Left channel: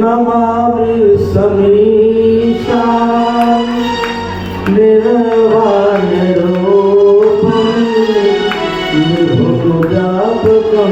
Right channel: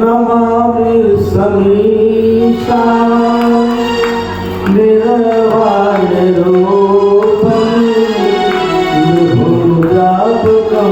Namami Samisha निर्वाणरूपं विभुजापकं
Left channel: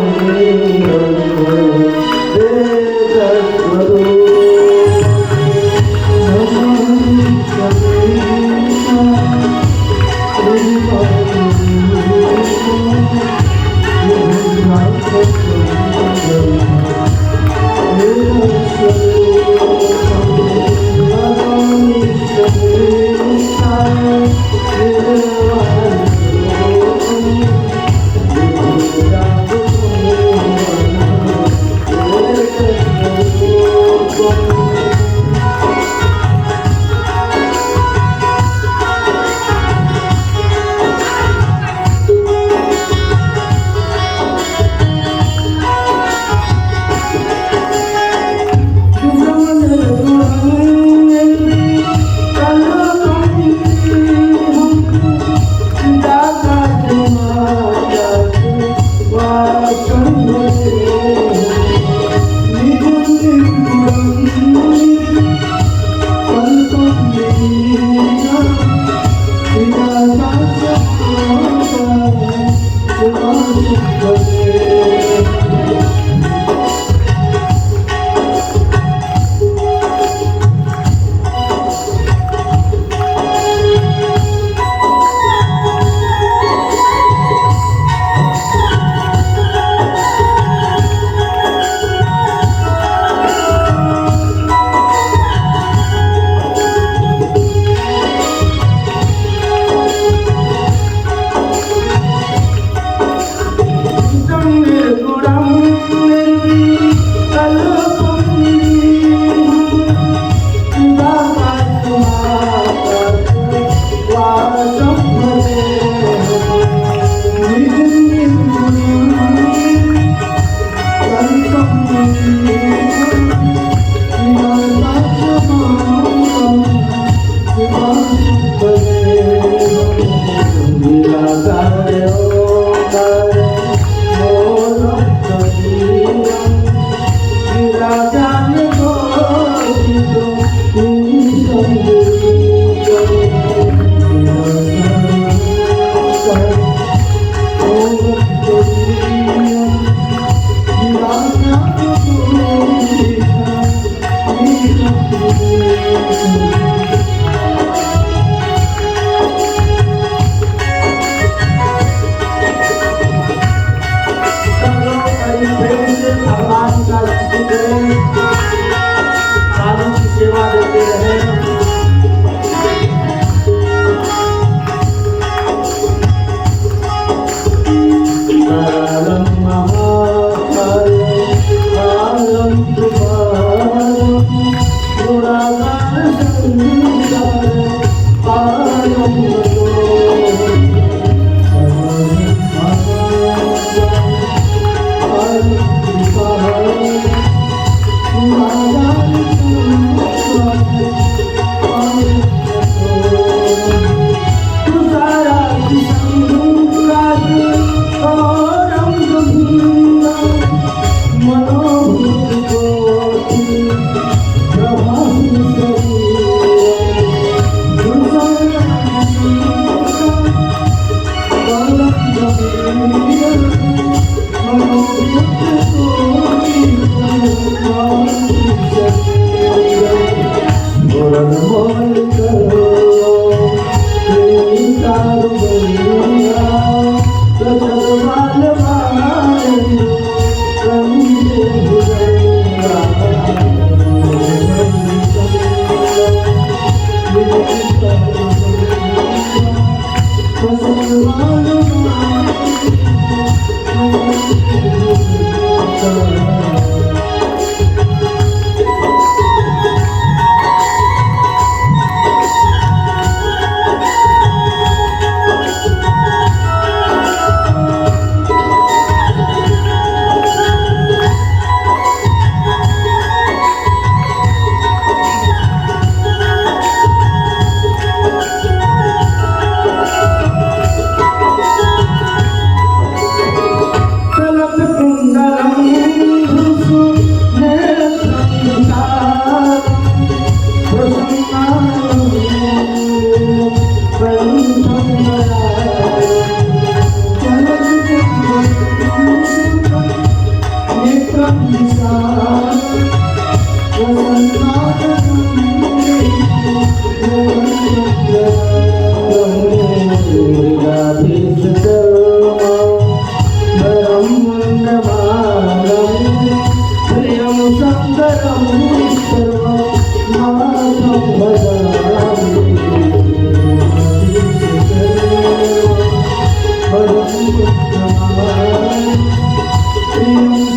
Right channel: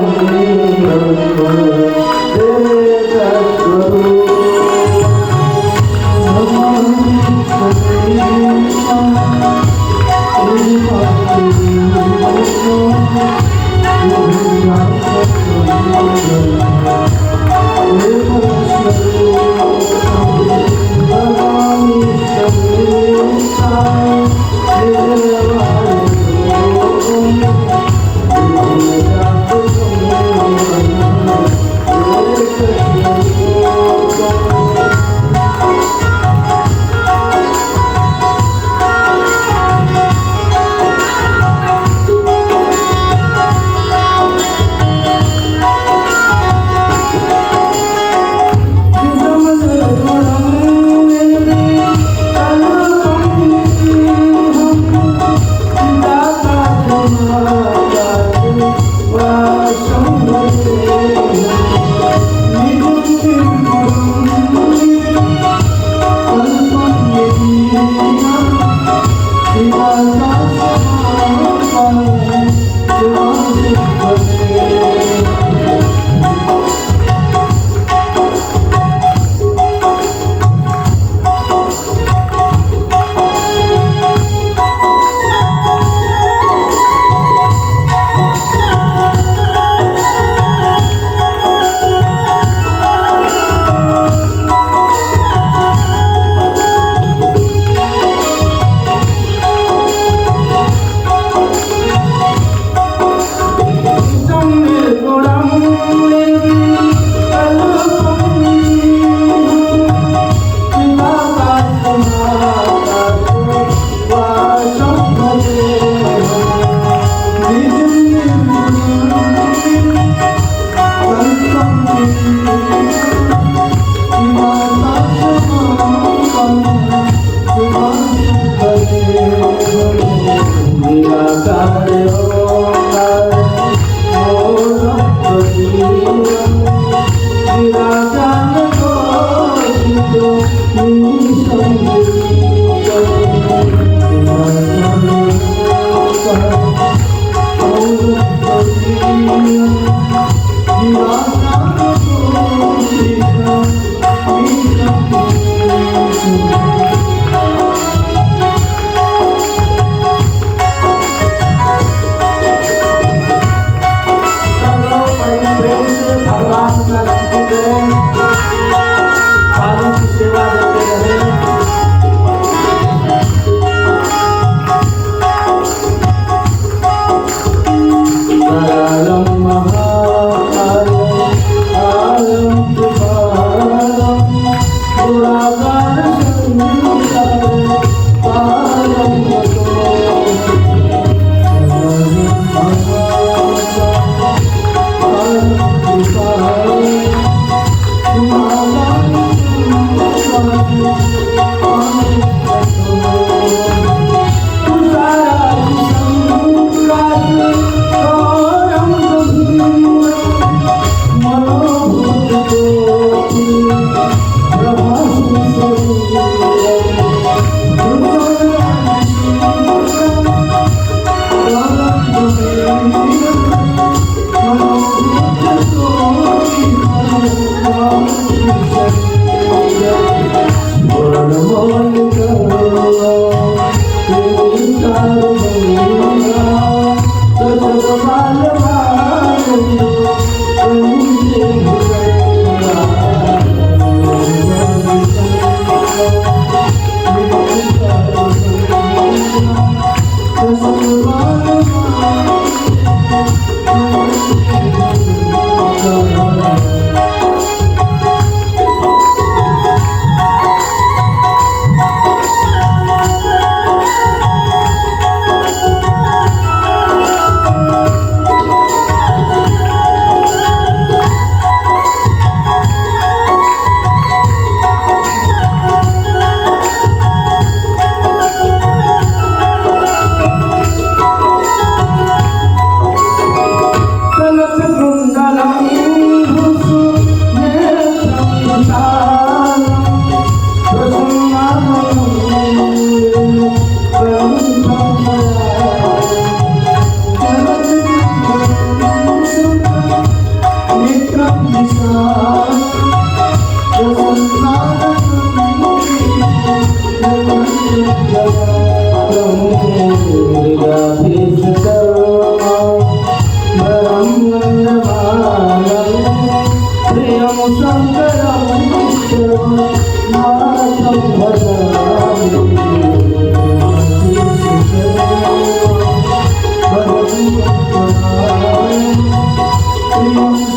Kundalam Rusu Netra वरं वन्दमानं प्रियं शङ्करं सर्वनाथं भजामि वरं वन्दमानं प्रियं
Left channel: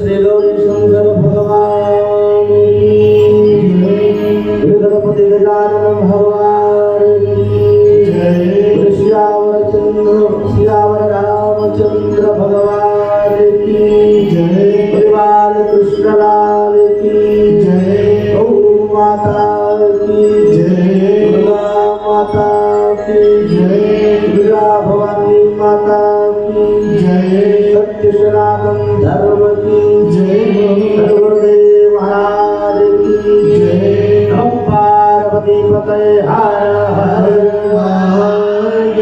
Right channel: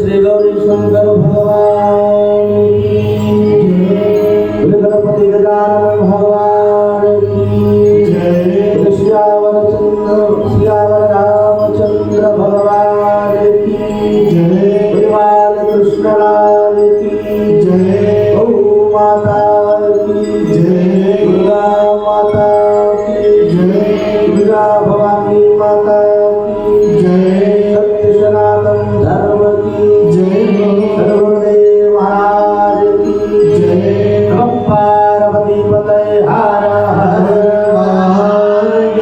श्री गौरी शंकर भगवान की जय। गणपति गजानन भगवान की जय। श्यावर रामचंद्र भगवान की जय। बाल कृष्ण लाल की जय। गौ माता की जय। दुर्गा माता की जय। दुर्गा भवानी माता की जय। सत्य सनातन धर्म की जय। सर्वदेव महाराज की जय। नमः पार्वती पतये हर हर महादेव।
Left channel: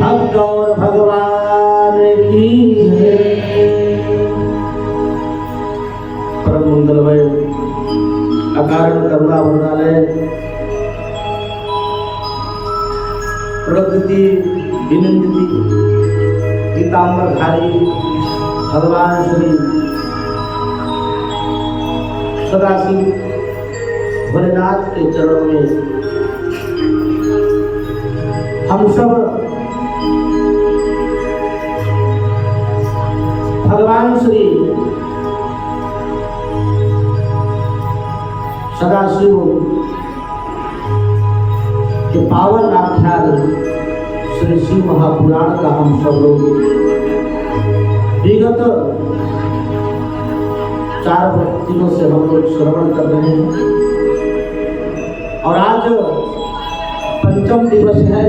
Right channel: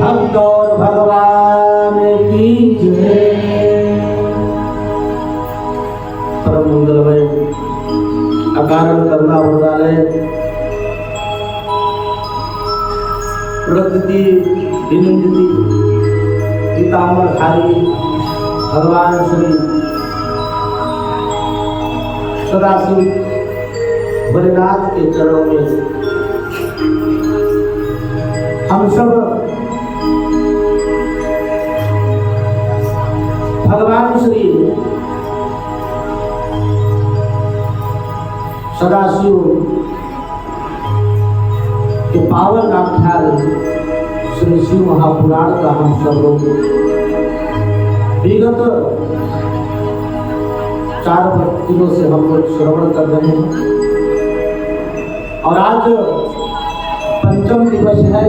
भक्त और भगवान की जय। परम मंगलमय अकारण करुणा वरदालय प्रकृति विनिंदिति पीताम्बरधारी भगवान श्री सदाशिव भोलेनाथ के चरणों में हम सब भगवान श्री सदाशिव के पावन आख्यान श्री शिव महापुराण का हम सब लोग विगत 4 दिनों से हम लोग श्रवण कर रहे हैं और आज 5वां दिवस है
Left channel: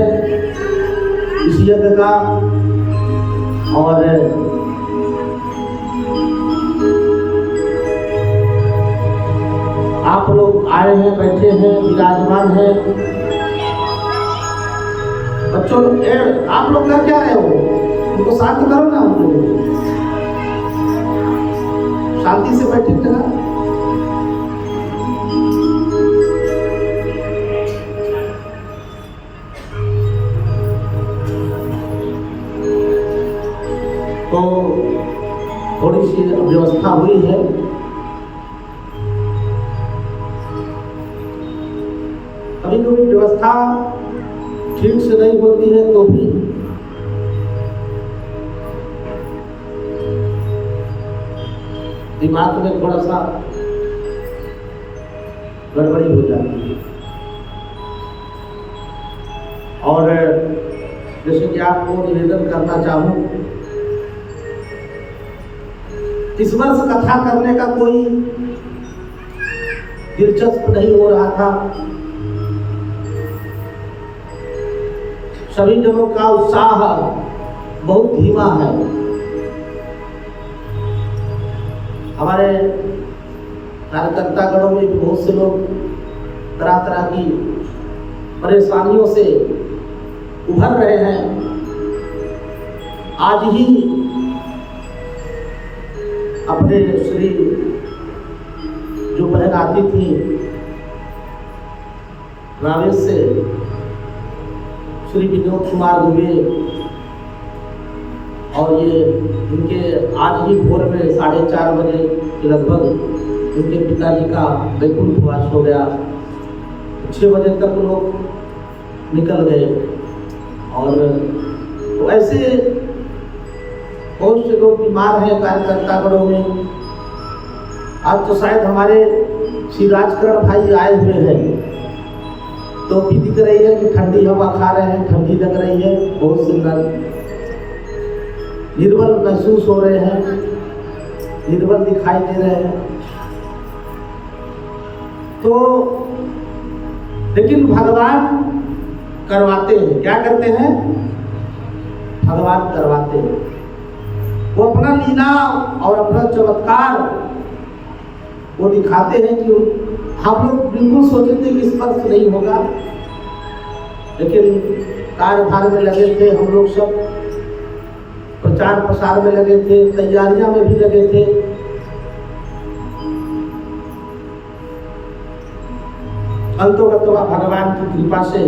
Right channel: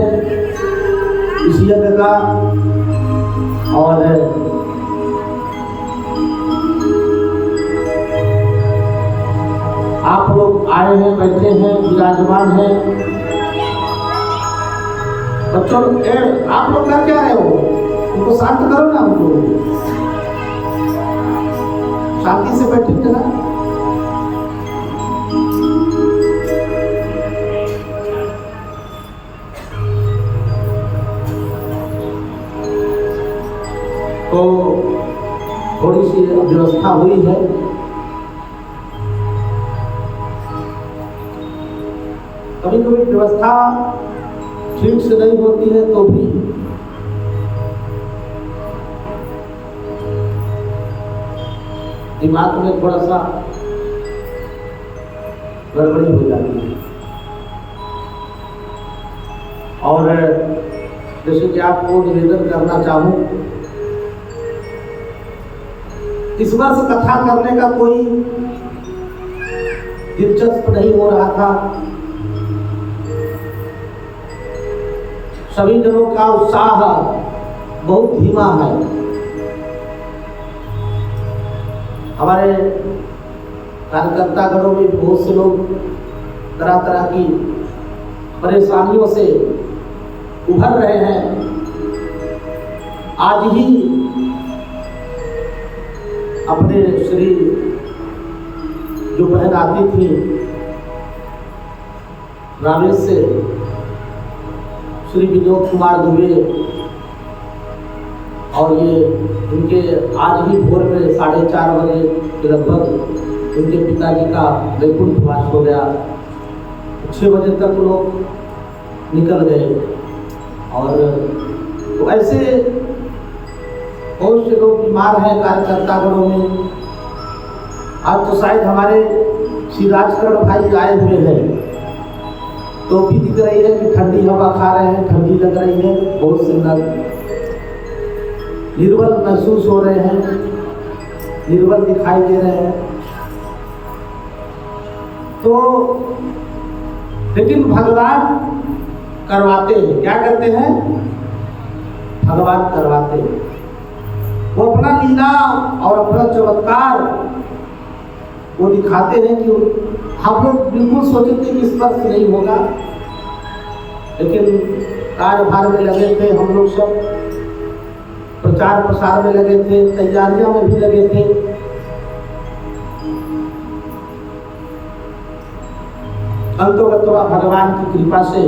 इस यज्ञ का। और आप लोग आए हैं, बैठे हैं, विराजमान हैं। बच्चों आप लोग कर क्या रहे हो? उनको शांत करो ना। हम लोग शांति से बैठे जगह। तो थोड़ी सी व्यवस्था हुई है। कभी कभी व्यवस्था ठीक से नहीं होती है तो भी दिमाग में थोड़ा सा गड़बड़ी हो जाती है। और जैसे कि आपको निवेदन करना चाहूं, इस वर्ष कथा करने का कोई दिलचस्प नहीं हो रहा था। सभी जनों का उत्साह बहुत धीमा है। हमारे कार्यकर्ता गणों में बहुत से लोग तरह तरह की परेशानियों से उभर रहे हैं। आज ही अपने श्री जो बहन आती थी रामेश से, श्री विनोद कुमार दुबे, और ये इनके आज ही भोर में 4:30 बजे के लगभग उनके पिताजी का वैकुंठवास हो गया। 6 बजे तक लोग निकल गए। और तो ऐसे बहुत से लोग बीमार हैं कार्यकर्ता गणों में। आज तो शायद हमारे श्री राजकरण भाई आए हुए हैं, तो भी दिख रही है कि ठंडी हवा खा रहे हैं, ठंडी लग रही है, बहुत सुंदर। निर्बल महसूस हो रहे हैं, निर्बल दिखाई दे रहे हैं। तो लेकिन भगवान करवाते हैं। क्या करते हैं? भगवान करवाते हैं। वो अपना लीला और अपना चमत्कार वो दिखाते हैं कि हम लोग बिल्कुल सोचे थे कि स्पर्श नहीं होगा, लेकिन कार्यभार में लगे थे हम लोग सब, प्रचार प्रसार में लगे थे, तैयारियां में भी लगे थे। अंतोगत्वा भगवान की कृपा से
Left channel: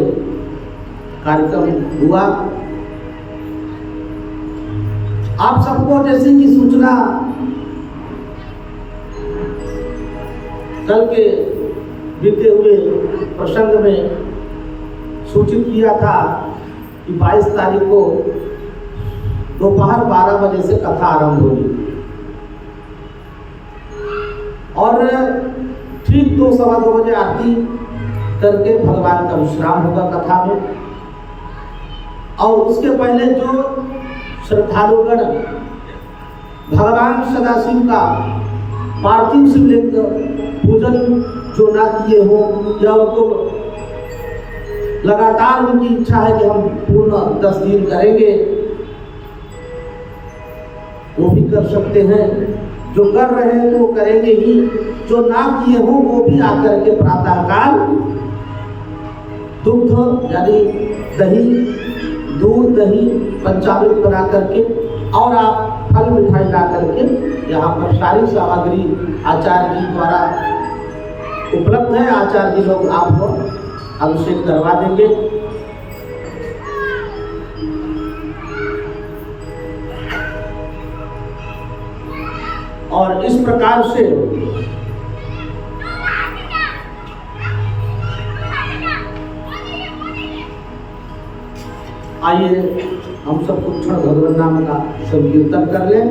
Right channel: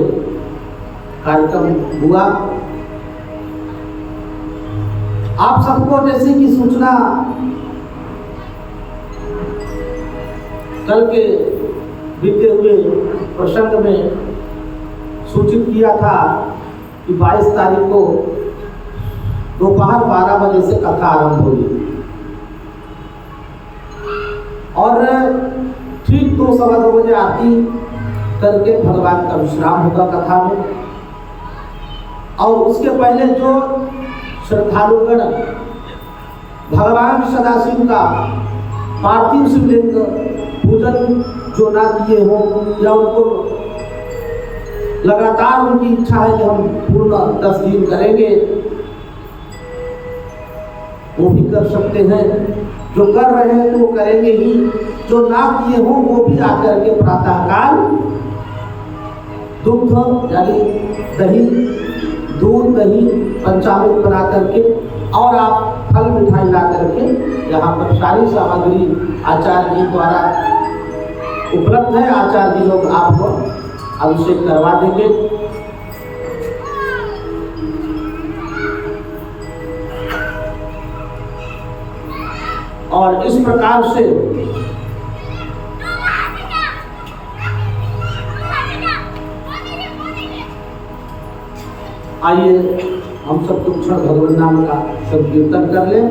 कार्यक्रम हुआ। आप सबको जैसे कि सूचना कल के बीते हुए प्रसंग में सूचित किया था कि 22 तारीख को दोपहर 12 बजे से कथा आरंभ होगी। और ठीक 2-2:15 बजे आरती करके भगवान का विश्राम होगा कथा में। और उसके पहले जो श्रद्धालुगण भगवान सदाशिव का पार्थिव शिवलिंग पूजन जो ना किए हो या उनको लगातार उनकी इच्छा है कि हम पूर्ण 10 दिन करेंगे, वो भी कर सकते हैं। जो कर रहे हैं तो वो करेंगे ही, जो ना किए हो वो भी आकर के प्रातःकाल दुग्ध यानी दही, दूध दही पंचामृत बना करके और आप फल मिठाई ला करके यहाँ पर सारी सामग्री आचार्य जी द्वारा उपलब्ध है। आचार्य जी लोग आपको अभिषेक करवा देंगे। और इस प्रकार से आइए हम सब कुछ क्षण भगवान नाम का संकीर्तन कर लें,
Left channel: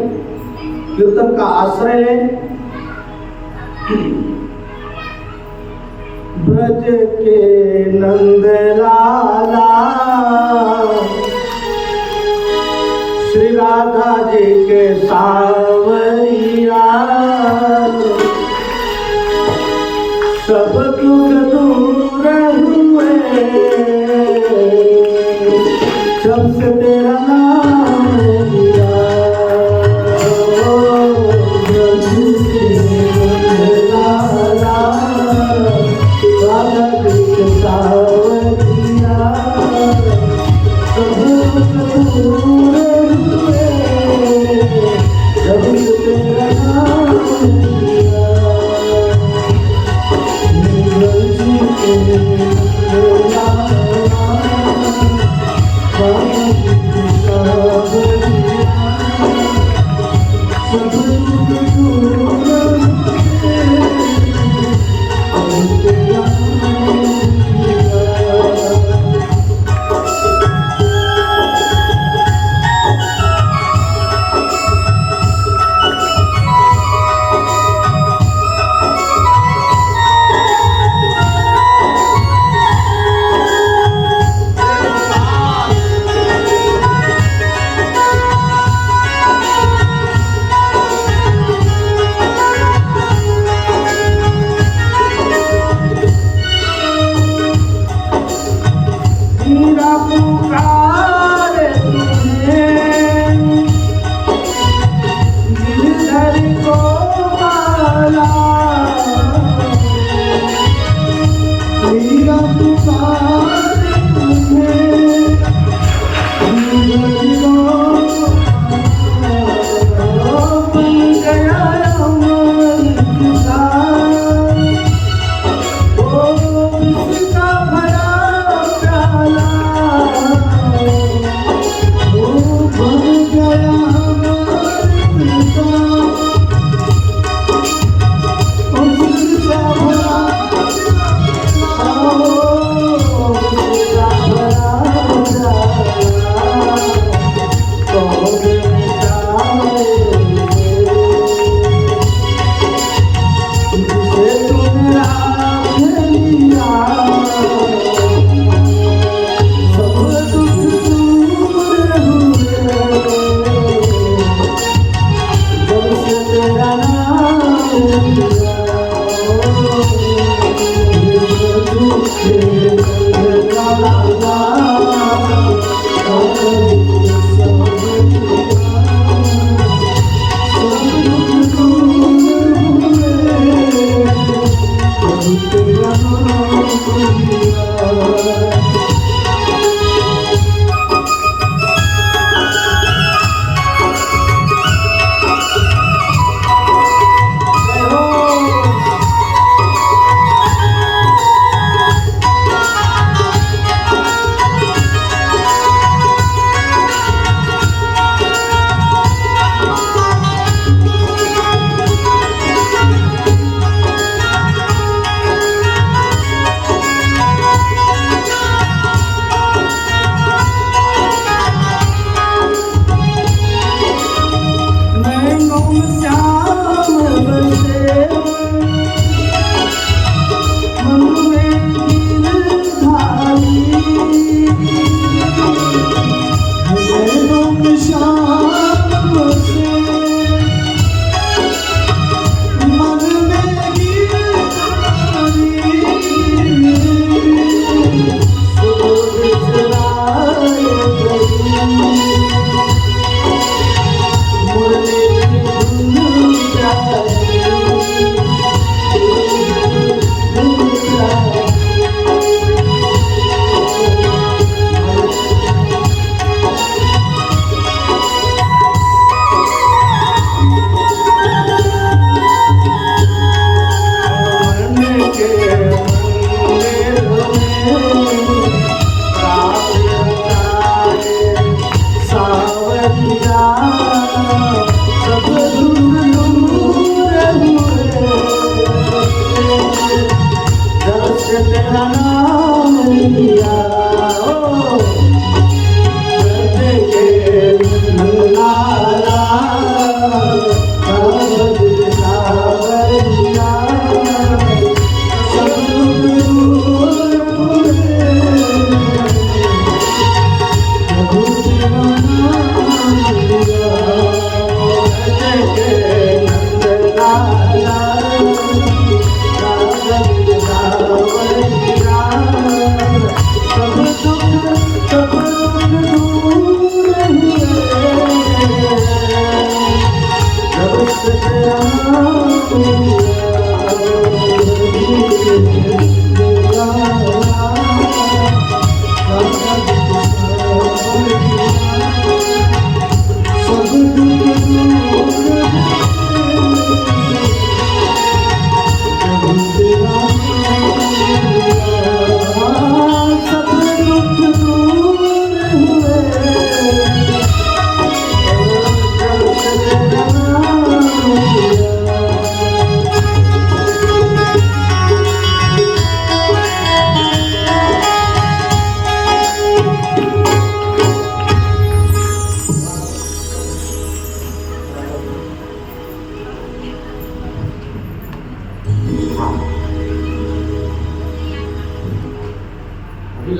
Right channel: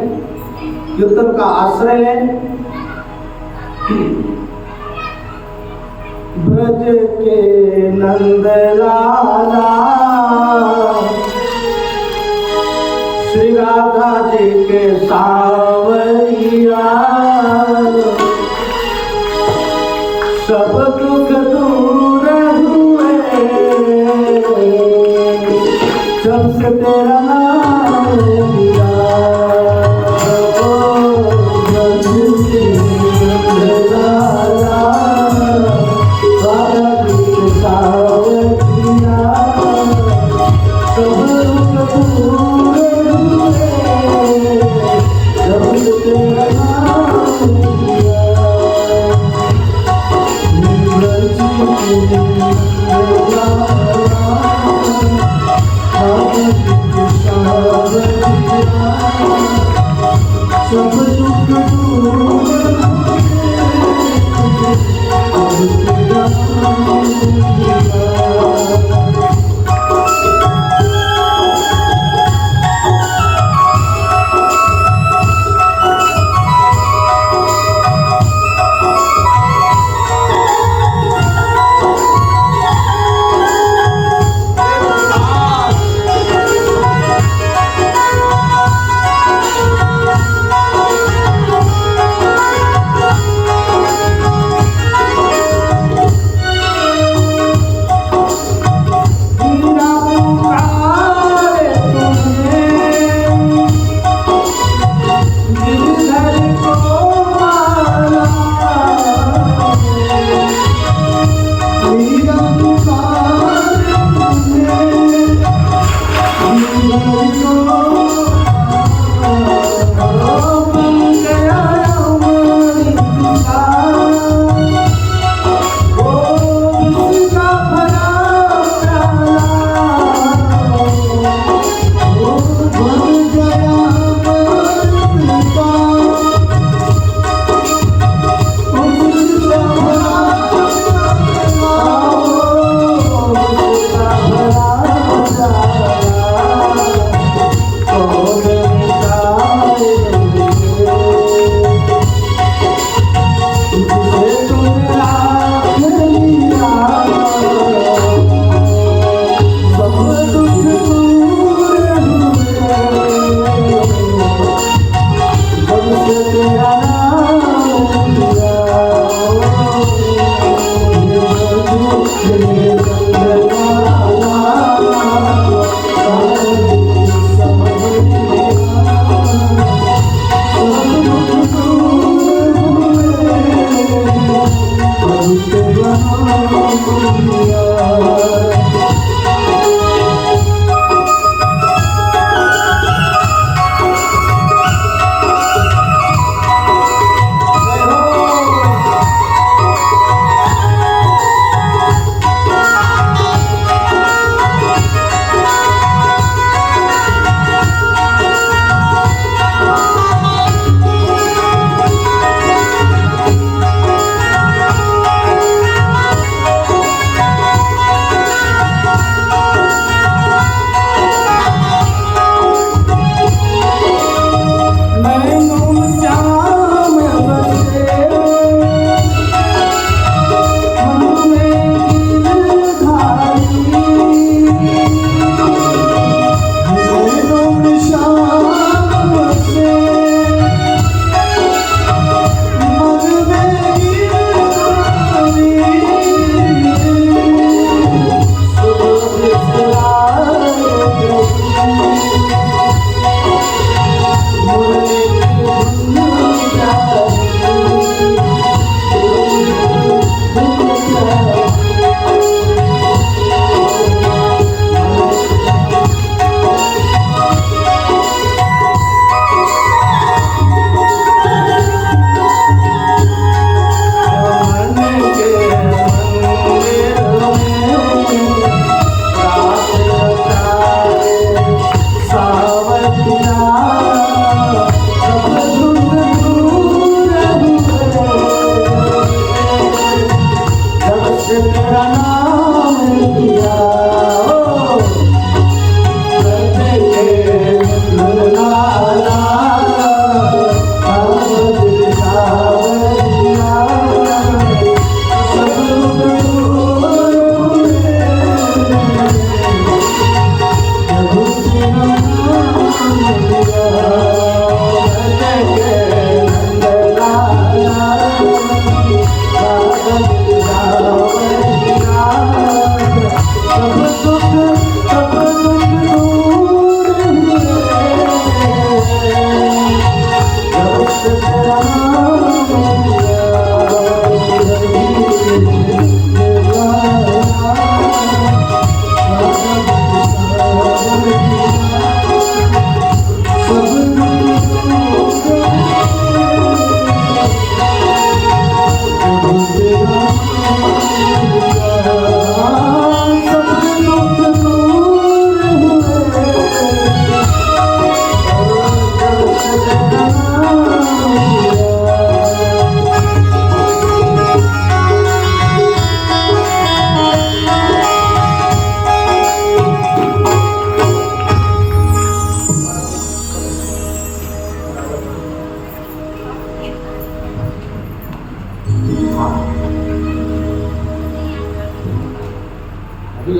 कीर्तन का आश्रय लें। ब्रज के नंद लाला श्री राधा जी के सावरिया, सब दुख दूर हुए जब से तेरा नाम लिया।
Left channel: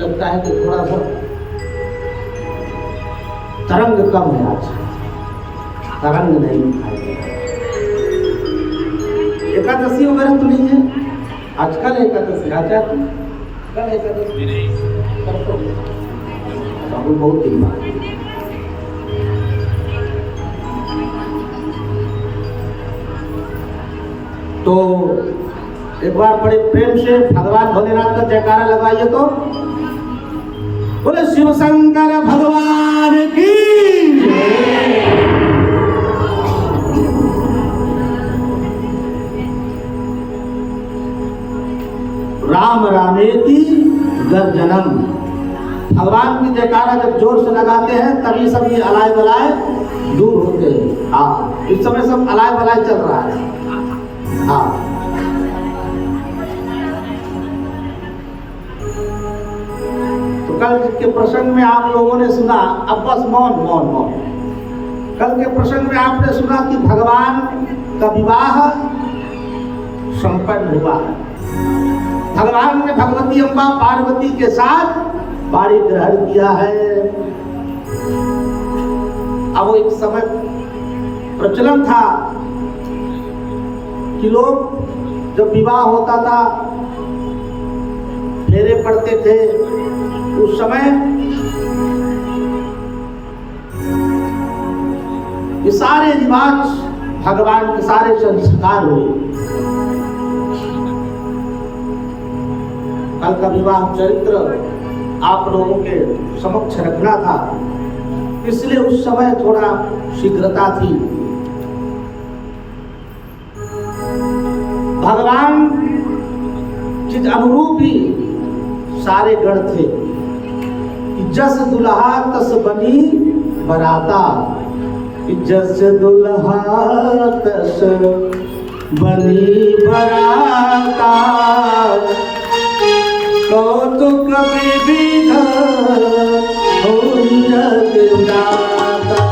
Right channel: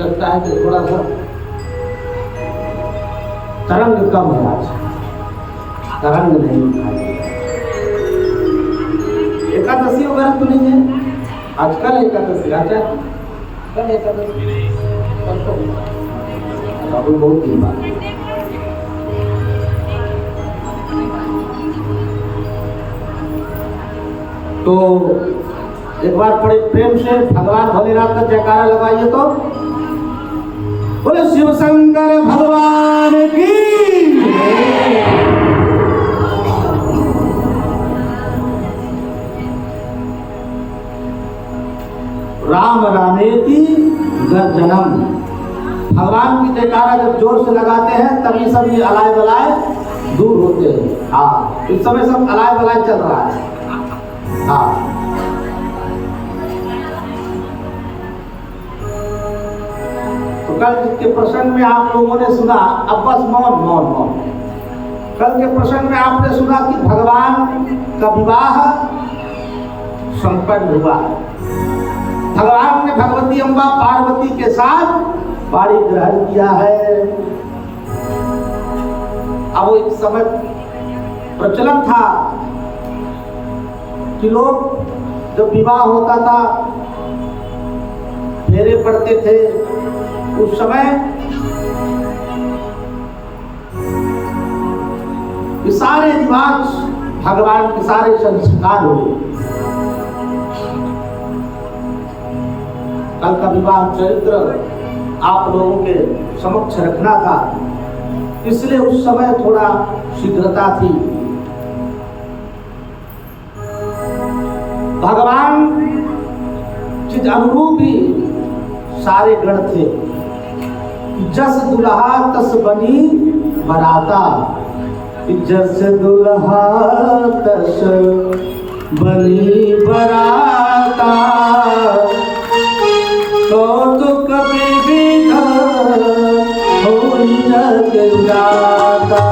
लगता है कि थोड़ा सा तरंग कम है, आज तरंग नहीं उठाया। एकादशी वगैरह तो नहीं है आजकल? एकादशी आचार कल एकादशी बहुत दिन बाद। तो एक बार बड़े प्रेम से भगवान भोलेनाथ का जयकारा लगाइए तो बोले शिव शंकर भगवान की। राम रामेति गर्जनम। भगवान की जयकारा जब जोर से लगाते हैं तभी सभी अलाय बलाय दूर होते हैं। हाँ, इस समय सब अलाय बलाय चल रहा है। हाँ, तो कल के प्रसंग में आप लोगों ने सुना, अब बस मौन मौन मौन। कल के प्रसंग में आपने सुना कि भगवान का विवाह संपन्न हुआ है। भगवान ने भगवती अम्बा पार्वती के साथ पाणी ग्रहण किया है। अब एक समय प्रचलन था कि लोग जब विवाह होता था फेरे पड़ते थे, उस समय ये सारे रिवाज भगवान के सारे संस्कार हुए। कल का विवाह चरित्र आप लोगों के समक्ष रखना था, इसलिए उस समय थोड़ा शीघ्रता थी। भगवान जिस अनुरूप ही सारे गण थे कि जस दुल्हा तस बनी बराता, जस दुल्हा तस बनी बराता, कौतुक विविध हो जग जाता।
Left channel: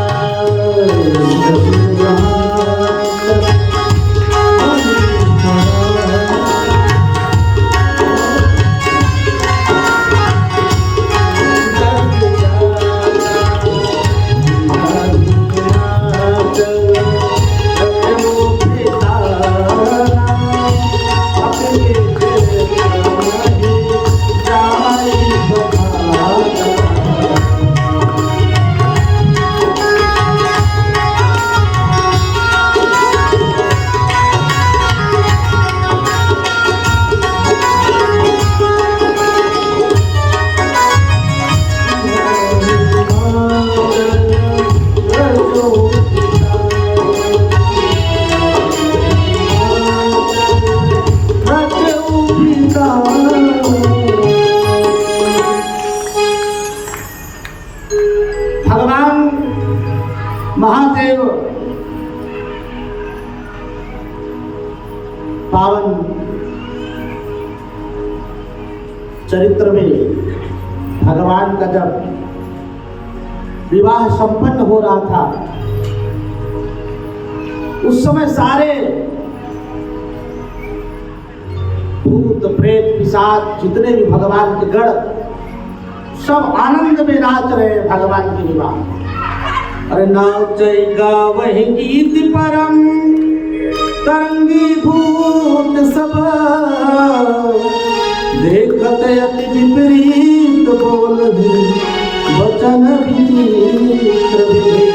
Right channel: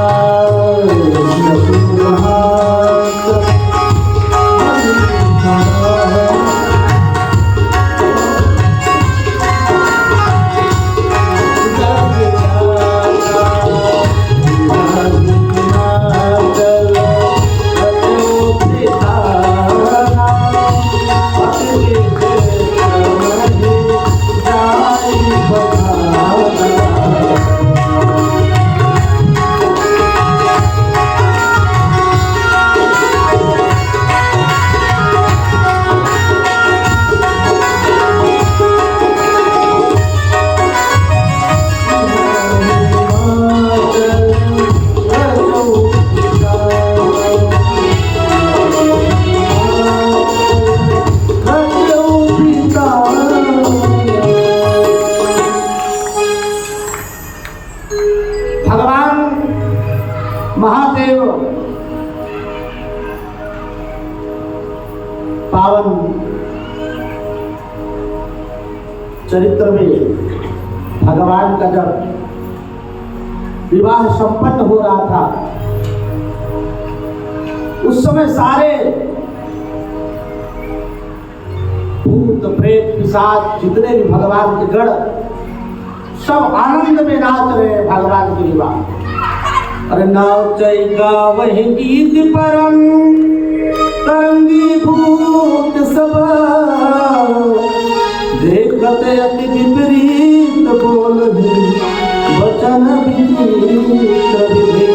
महादेव पावन चरित्र में भगवान का जब विवाह संपन्न हो रहा था, उस समय सारे भूत प्रेत पिशाच जितने भी भगवान के गण सब आनंद में नाच रहे हैं भगवान के विवाह। अरे नाचैगा वही गीत परम तरंगी भूत सब, देखत अति विपरीत बोलहि वचन विचित्र विभेद।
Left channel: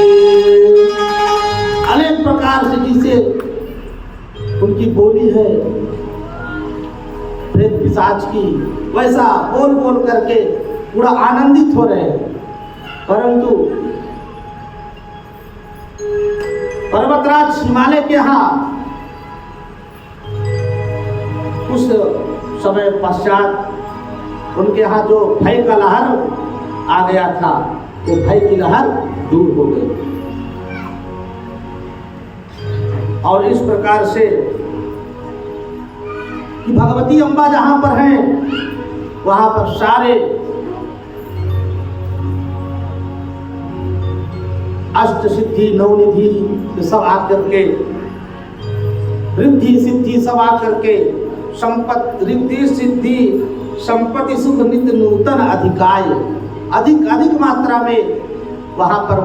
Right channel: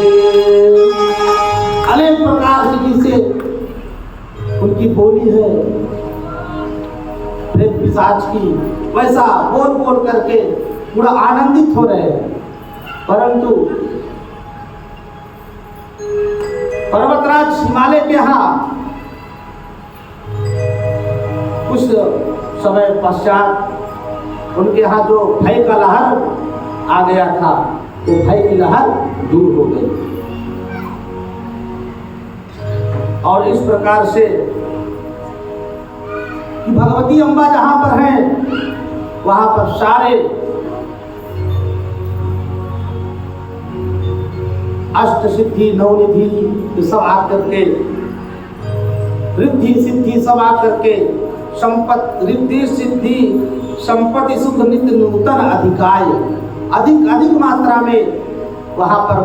अनेक प्रकार से जिसे उनकी बोली है प्रेत पिशाच की, वैसा बोल बोल करके पूरा आनंदित हो रहे हैं। परंतु पर्वतराज हिमालय के यहाँ कुछ समय पश्चात उनके यहाँ जो भय का लहर आ गया था, वो भय की लहर दूर हो गई। और इस प्रकार से कि भगवती अम्बा जहां पर हैं वहां पर सारे अष्ट सिद्धि नवनिधि सब आकर के, रिद्धि सिद्धि सब आकर के, संपत्ति रिद्धि सिद्धि संपत्ति सुख नित्य नूतन अधिकाय, अधिक अधिक मात्रा में वहाँ पर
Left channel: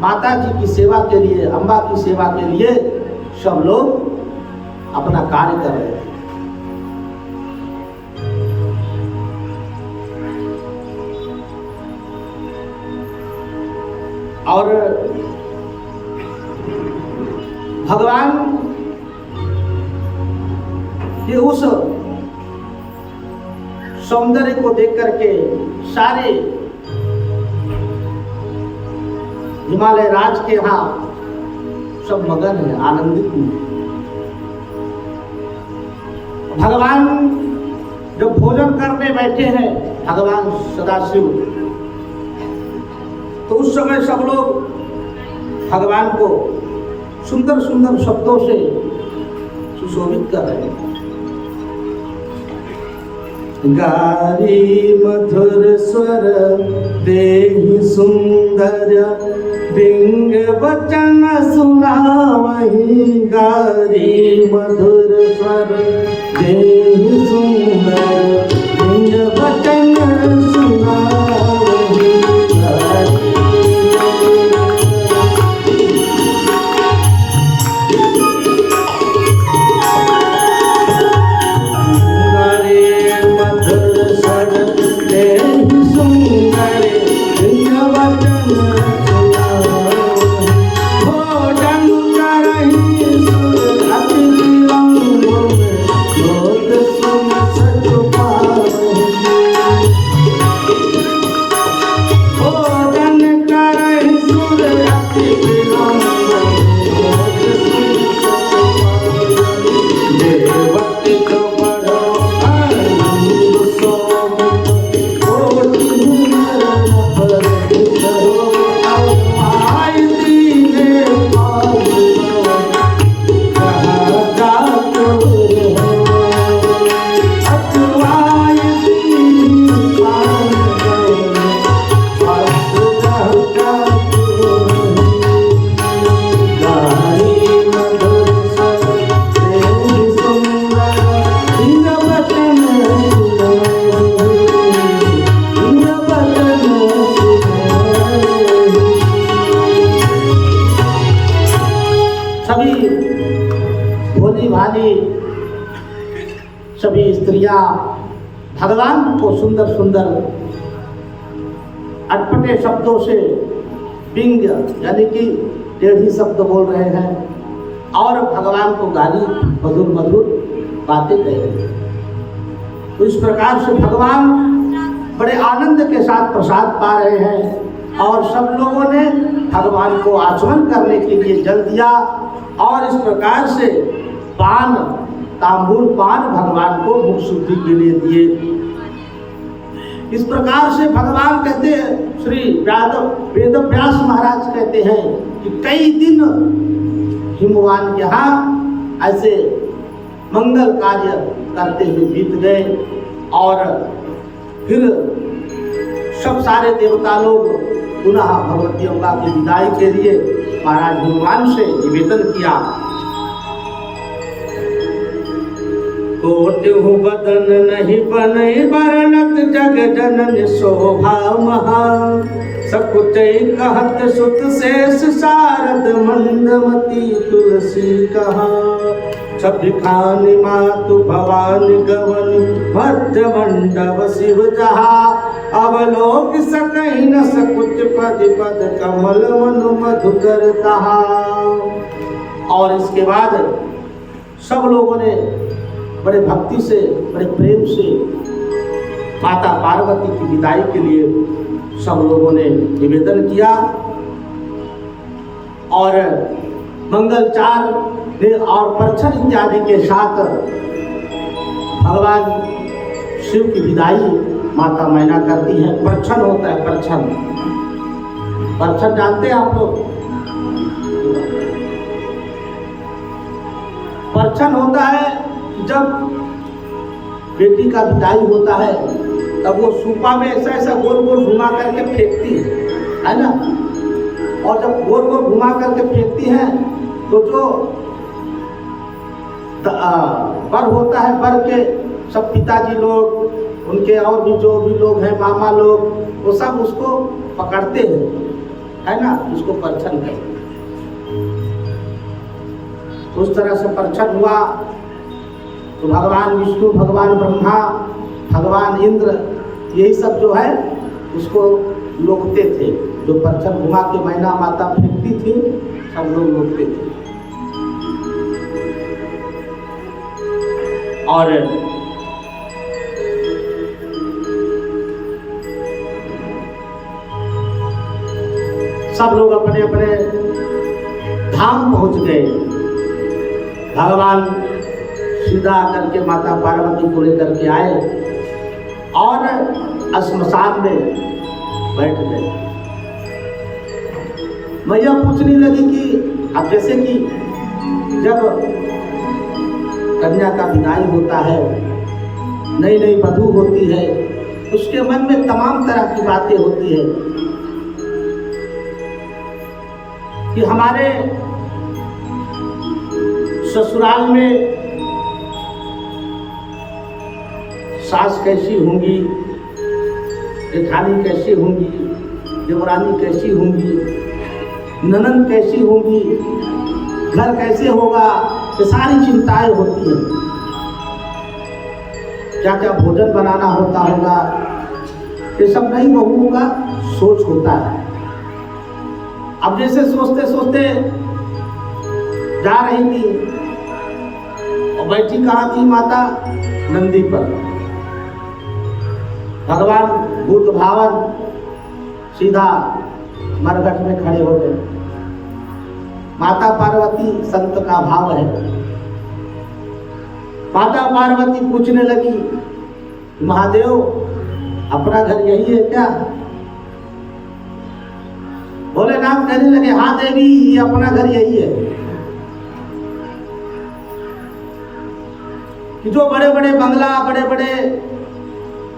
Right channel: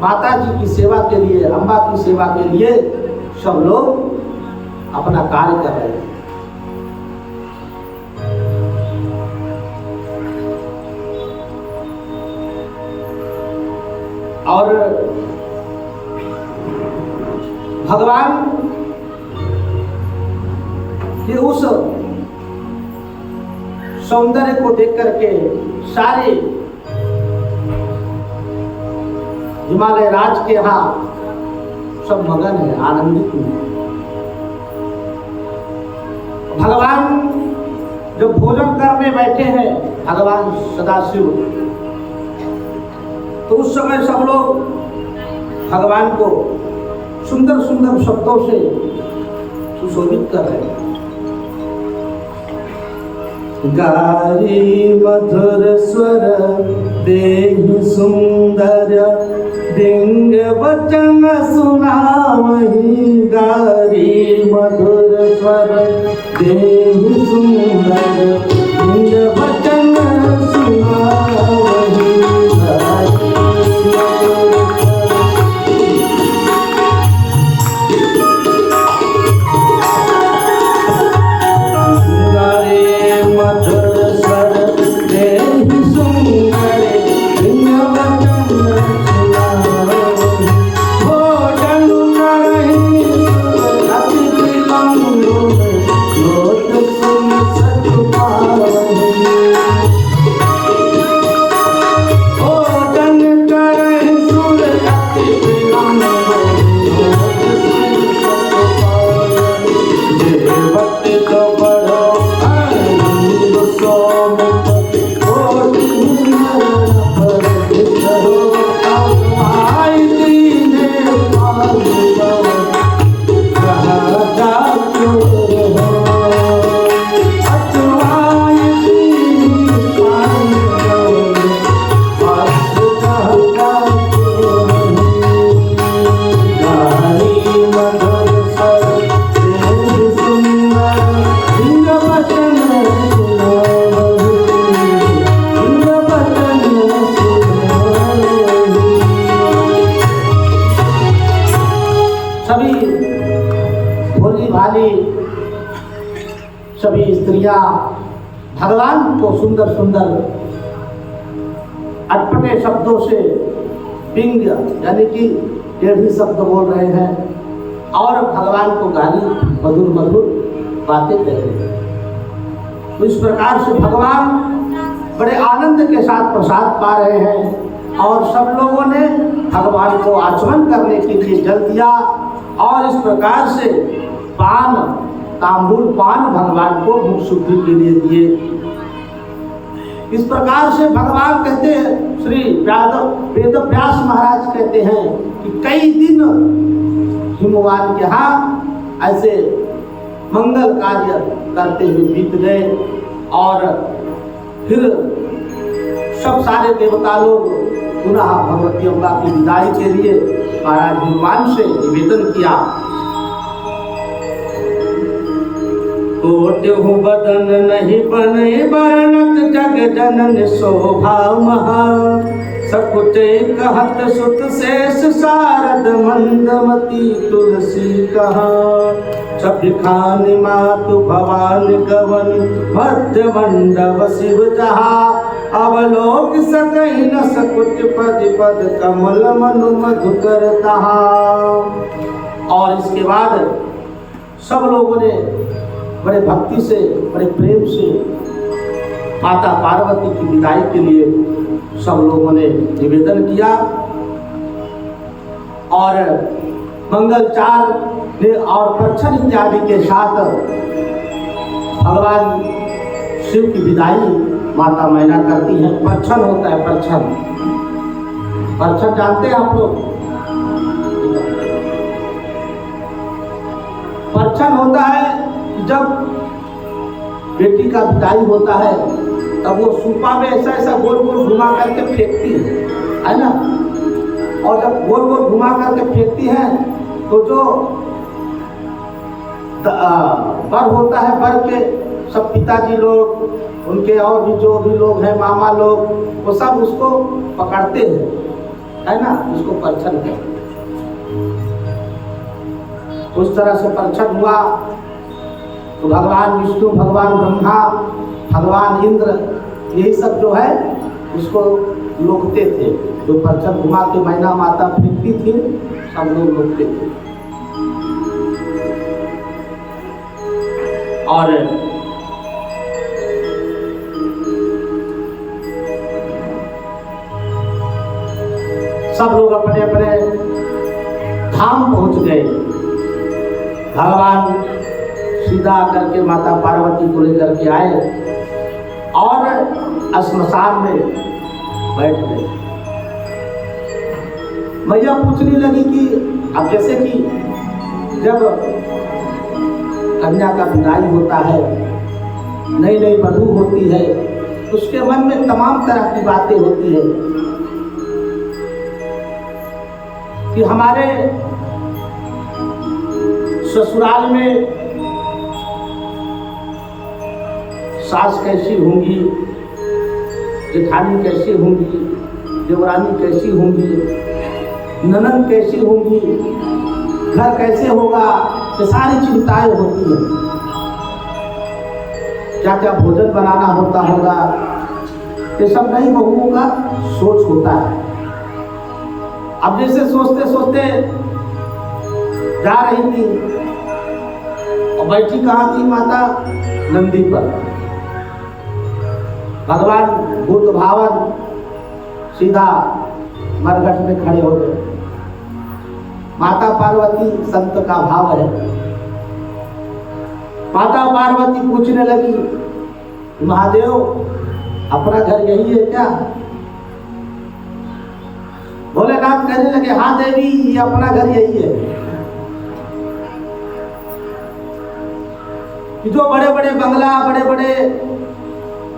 माता जी की सेवा के लिए, अम्बा की सेवा के लिए सब लोग अपना कार्य कर रहे थे। और भगवान के उस सौंदर्य को देख करके सारे हिमालय राज के यहाँ सब मगन है, आनंदित हैं। भगवान जब भोजन करने बैठे हैं, भगवान सदाशिव, तो उस समय सब लोग भगवान को सुंदर सुंदर शब्दों से सुशोभित कर रहे हैं। गारी मधुर स्वर देहि सुंदर, डिंग वचन सुनावहि। गारी मधुर स्वर देहि सुंदर, डिंग वचन सुनावहि। सभी स्त्रियां भगवान को सुंदर सुंदर अटपटे शब्दों से पिंग यानी कि टेढ़ी शब्द बोल रहे हैं और भगवान को गाली मधुर मधुर बातें कह रहे हैं। तो इस प्रकार से भगवान बड़े आनंद के साथ प्रसाद पा रहे हैं और सब लोगों ने भगवान को आचमन करने के लिए जल दिया और इस प्रकार से पान तांबूल पान भगवान को मुख शुद्धि के लिए दिए। इस प्रकार से भगवान कहते हैं, श्री वेद व्यास महाराज कहते हैं कि कई दिन हिमवान के यहाँ ऐसे मंगल कार्य करते हुए बीत गए और फिर सब सारे देवता लोग पुनः भगवती अम्बा की विदाई के लिए महाराज भगवान से निवेदन किया। कोट्यु बदन नहीं बने बरनत जग जनन शोभा महा। सकुच कहत सुत शेष शारद मंदमती तुलसी कहा। छवि खानि मातु भवानी गवनी भद्र मंडप शिव जहा। अवलोक सकहि न सकुच पद पद कमल मनु मधुकर तहा। और इसके बाद सब लोगों ने बड़े भक्ति से बड़े प्रेम से माता पार्वती की विदाई के लिए सब लोगों ने निवेदन किया और मंगलचार और परछन इत्यादि के साथ भगवान शिव की विदाई माता मैना करती है। परछन होता है, परछन, परछन जानते हैं आप लोग? परछन होता है जब बेटी का विदाई होता है तब वो सूपा में ऐसा ऐसा गोल गोल घुमा करके फेंकती है ना। और जब गोल गोल घुमा करके फेंकती है तो जो बर होता है, बर के सब पिताजी लोग उनके और भी जो भी लोग हैं, मामा लोग, वो सब उसको पकड़ते हैं, है ना, उसको परछन करते। उस तरह से परछन हुआ तो भगवान विष्णु, भगवान ब्रह्मा, भगवान इंद्र, यही सब जो है उसको लोकते थे। जो परछन घुमा के मैना माता फेंकती थी, सब लोग लोकते थे। और सब लोग अपने अपने धाम पहुंच गए। भगवान सीधा आकर के माता पार्वती को लेकर के आए और श्मशान में बैठ गए। मैया पूछने लगी कि अब जैसे कि जब कन्या का विदाई होता है, नई नई वधू होती है, उसके मन में तमाम तरह की बातें होती है कि हमारे ससुराल में सास कैसी होंगी, जेठानी कैसी होंगी, देवरानी कैसी होंगी, ननद कैसी होंगी, घर कैसे होगा, ये सारी चिंताएं होती हैं। क्या क्या भोजन बनाना होता होगा, ये सब नई बहुओं का सोच होता है। अब जैसे सोचते सोचते जा रही थी और बैठी कहाँ थी माता? नंदी पर। भगवान बुद्ध भावन सीधा मरघट में खड़े हो गए। माता पार्वती संत का भाव है। माता पार्वती पूछने लगी, महादेव अपना घर यही है क्या? भोलेनाथ कहने लगे, हाँ देवी, ये अपना घर यही है। कि जो बड़े बड़े बंगला, बड़े बड़े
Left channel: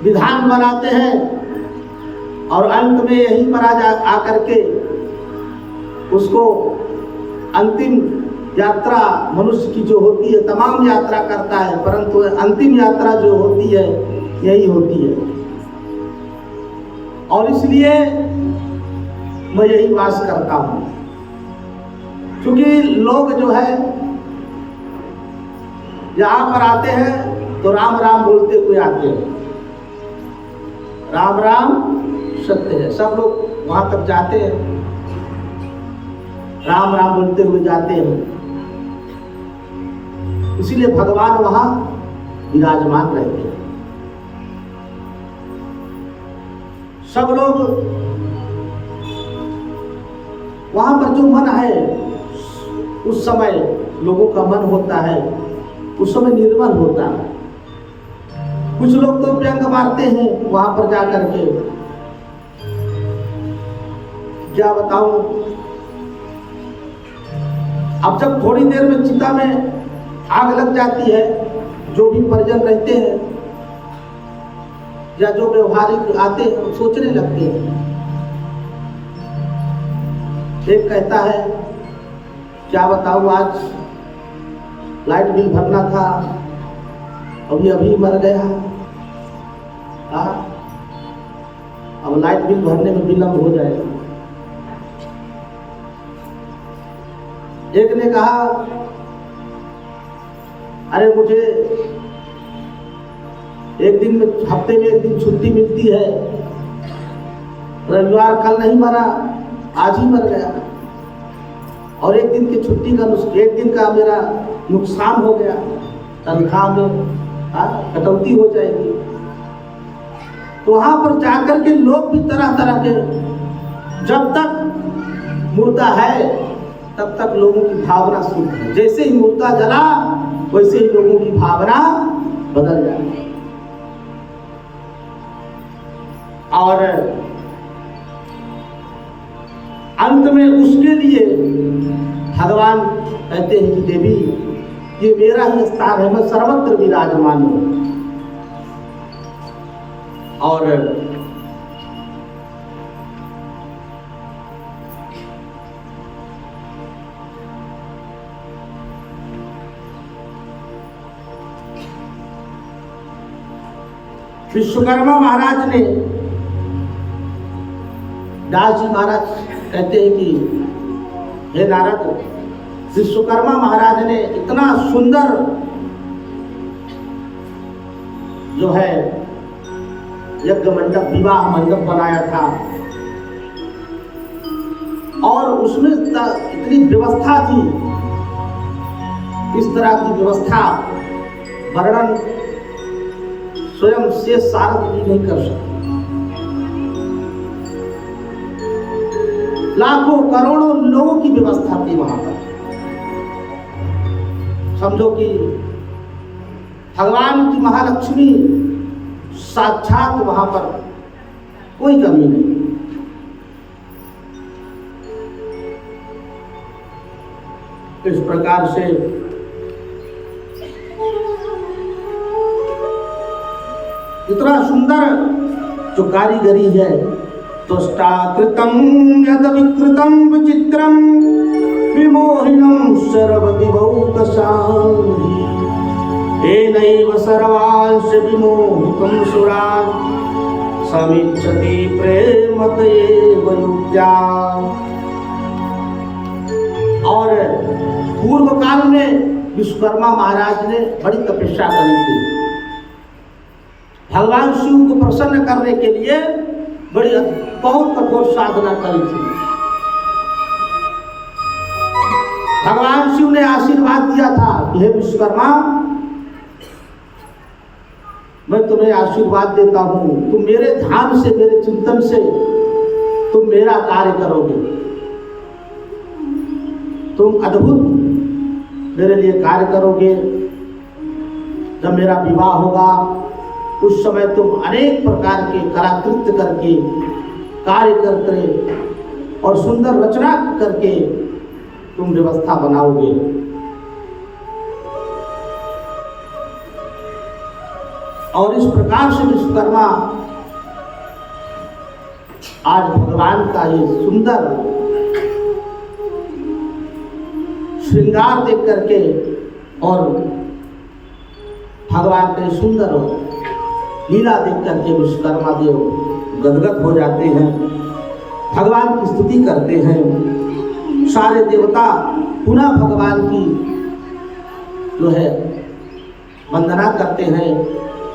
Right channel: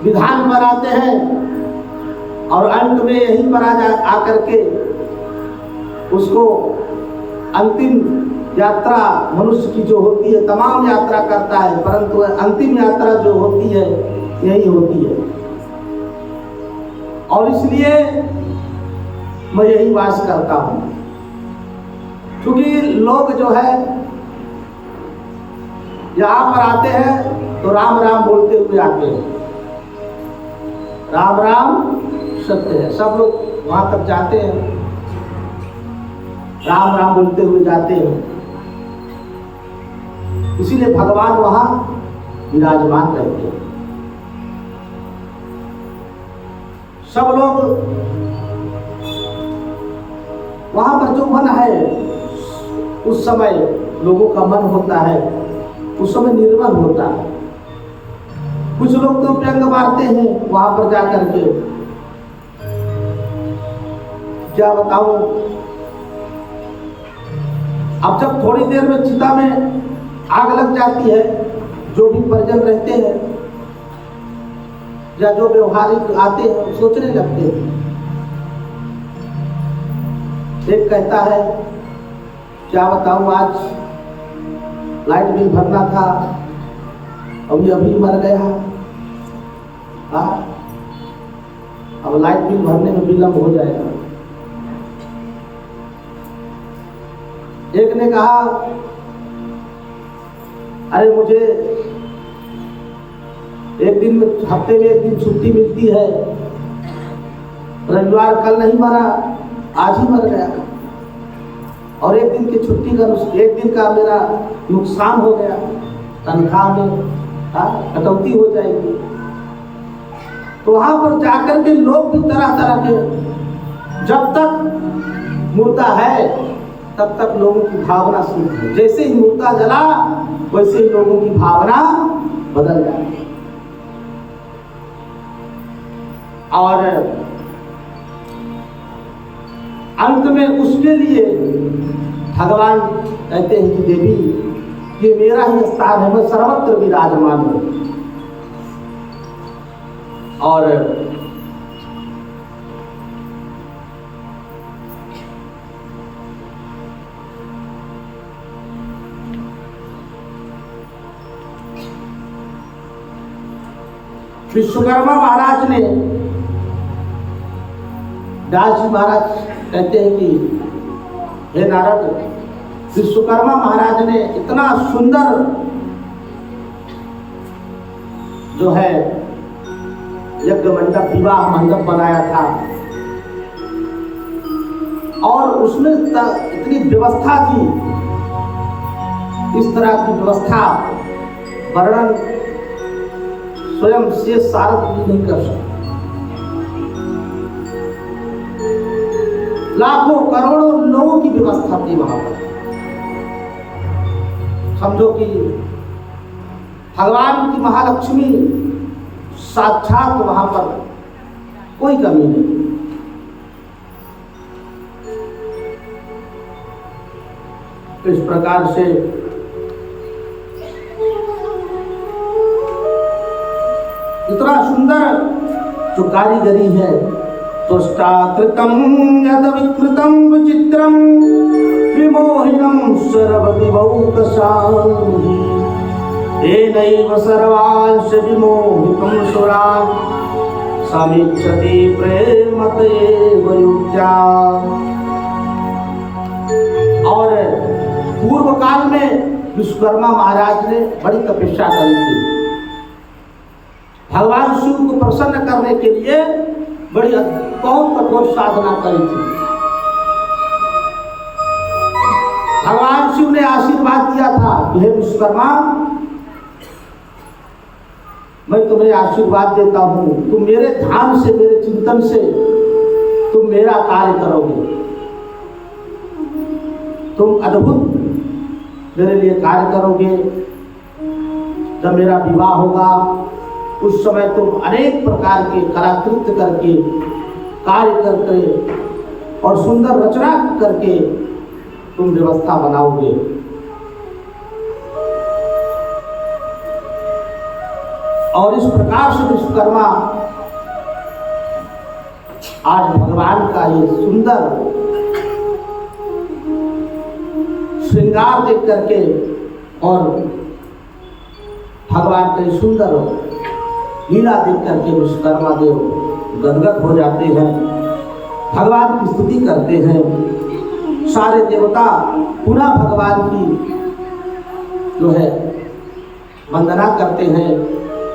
विधान बनाते हैं और अंत में यहीं पर आकर के उसको अंतिम यात्रा मनुष्य की जो होती है, तमाम यात्रा करता है, परंतु अंतिम यात्रा जो होती है यही होती है। और इसलिए मैं यही वास करता हूं। क्योंकि लोग जो है यहाँ पर आते हैं तो राम राम बोलते हुए आते हैं। राम राम सत्य है। सब लोग वहां तक जाते हैं, राम राम बोलते हुए जाते हैं। इसीलिए भगवान वहां विराजमान रहते हैं। सब लोग वहां पर जो मन है, उस समय लोगों का मन होता है, उस समय निर्मल होता है। कुछ लोग तो व्यंग मारते हैं वहां पर जाकर के। क्या बताऊं, अब जब थोड़ी देर में चिता में आग लग जाती है, जो भी परिजन रहते हैं या जो व्यवहारिक आते हैं सोचने लगते हैं। एक कहता है, क्या बताऊं, आज लाइट बिल भरना था, अभी अभी मर गया। हाँ, अब लाइट बिल भरने में विलंब हो जाएगा। एक ने कहा, अरे मुझे एक दिन में, हफ्ते में एक दिन छुट्टी मिलती है, रविवार कल नहीं मरा, आज ही मर गया। और एक दिन की छुट्टी का, एक दिन का मेरा नुकसान हो गया, तनख्वाह में कटौती हो जाएगी। तो वहां पर जाकर के लोग भी तरह तरह के, जब तक मुर्दा है तब तक लोगों की भावना शुद्ध है। जैसे ही मुर्दा जला वैसे ही लोगों की भावना बदल जाती है। और अंत में उसके लिए भगवान कहते हैं कि देवी, ये मेरा ही स्थान है, मैं सर्वत्र विराजमान हूं। और विश्वकर्मा महाराज ने, दास जी महाराज कहते हैं कि हे नारद, विश्वकर्मा महाराज ने इतना सुंदर जो है यज्ञ मंडप, विवाह मंडप बनाया था और उसमें इतनी व्यवस्था थी, इस तरह की व्यवस्था वर्णन स्वयं से सारद भी नहीं कर सकते। लाखों करोड़ों लोगों की व्यवस्था थी वहां पर। समझो कि भगवान की महालक्ष्मी साक्षात वहां पर, कोई कमी नहीं। इस प्रकार से इतना सुंदर जो कारीगरी है, तुष्टाकृतं यद विकृतं विचित्रं विमोहिनं सर्वविभौकशाली येनैव सर्वांश विमोहितं सुरान् समीक्षति प्रेमतयेव युक्त्या। और पूर्व काल में विश्वकर्मा महाराज ने बड़ी तपस्या करी थी, भगवान शिव को प्रसन्न करने के लिए बड़ी बहुत कठोर साधना करी थी। भगवान शिव ने आशीर्वाद दिया था कि हे विश्वकर्मा, मैं तुम्हें आशीर्वाद देता हूं, तुम मेरे ध्यान से, मेरे चिंतन से तुम मेरा कार्य करोगे, तुम अद्भुत मेरे लिए कार्य करोगे। जब मेरा विवाह होगा उस समय तुम अनेक प्रकार के कलाकृत्य करके, कार्य करके और सुंदर रचना करके तुम व्यवस्था बनाओगे। और इस प्रकार से विश्वकर्मा आज भगवान का ये सुंदर श्रृंगार देख करके और भगवान के सुंदर लीला देख करके विश्वकर्मा देव गदगद हो जाते हैं, भगवान की स्तुति करते हैं। सारे देवता पुनः भगवान की जो है वंदना करते हैं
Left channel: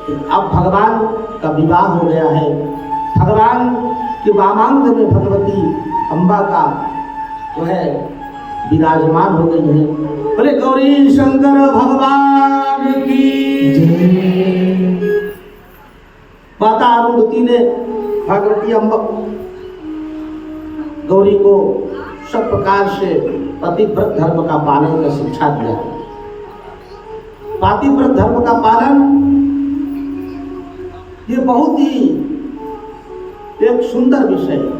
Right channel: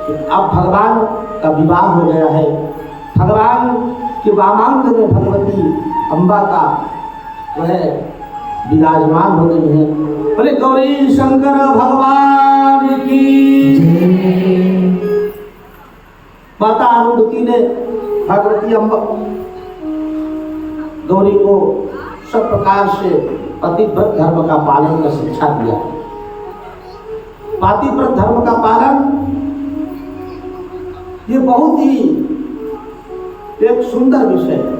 कि अब भगवान का विवाह हो गया है। भगवान के वामांग में भगवती अम्बा का जो है विराजमान हो गई है। बोले गौरी शंकर भगवान की। माता अरुंधति ने भगवती अम्बा गौरी को सब प्रकार से पतिव्रत धर्म का पालन का शिक्षा दिया। पतिव्रत धर्म का पालन ये बहुत ही एक सुंदर विषय है।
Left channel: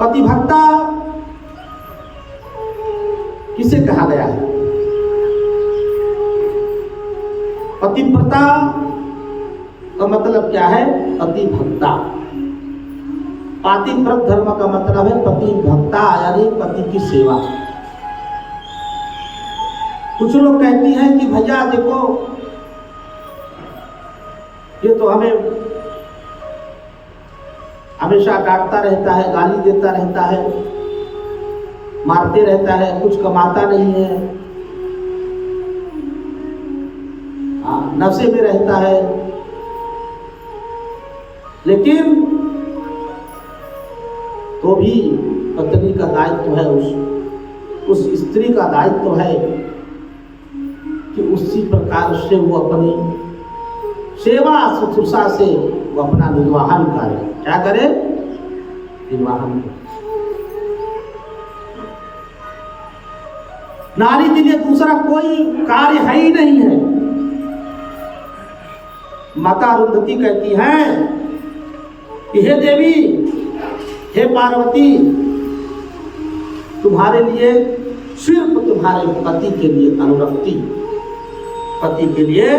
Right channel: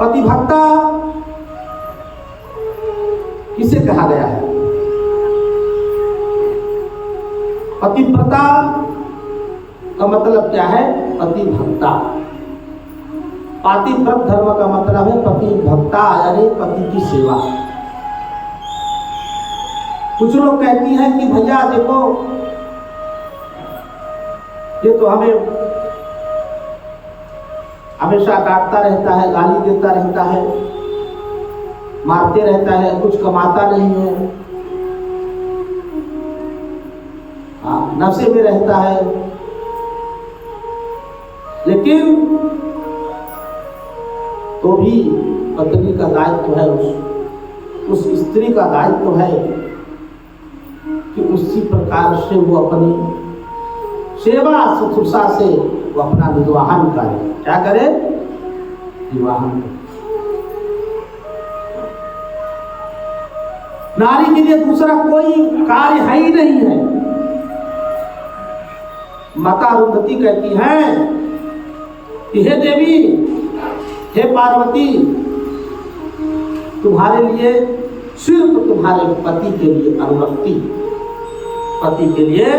पतिभक्ता किसे कहा गया है? पतिव्रता का मतलब क्या है? पतिभक्ता। पतिव्रत धर्म का मतलब है पतिभक्ता, यानी पति की सेवा। कुछ लोग कहती हैं कि भैया देखो, ये तो हमें हमेशा डांटता रहता है, गाली देता रहता है, मारते रहता है, कुछ कमाता नहीं है, नशे में रहता है। लेकिन तो भी पत्नी का दायित्व है, उस स्त्री का दायित्व है कि उसी प्रकार से वो अपनी सेवा शुश्रूषा से वो अपना निर्वाहन करे। क्या करे? निर्वाहन करे। नारी के लिए दूसरा कोई कार्य है ही नहीं है। माता अरुंधति कहती हैं कि हे देवी, हे पार्वती, तुम्हारे लिए सिर्फ तुम्हारे पति के लिए अनुरक्ति, पति के लिए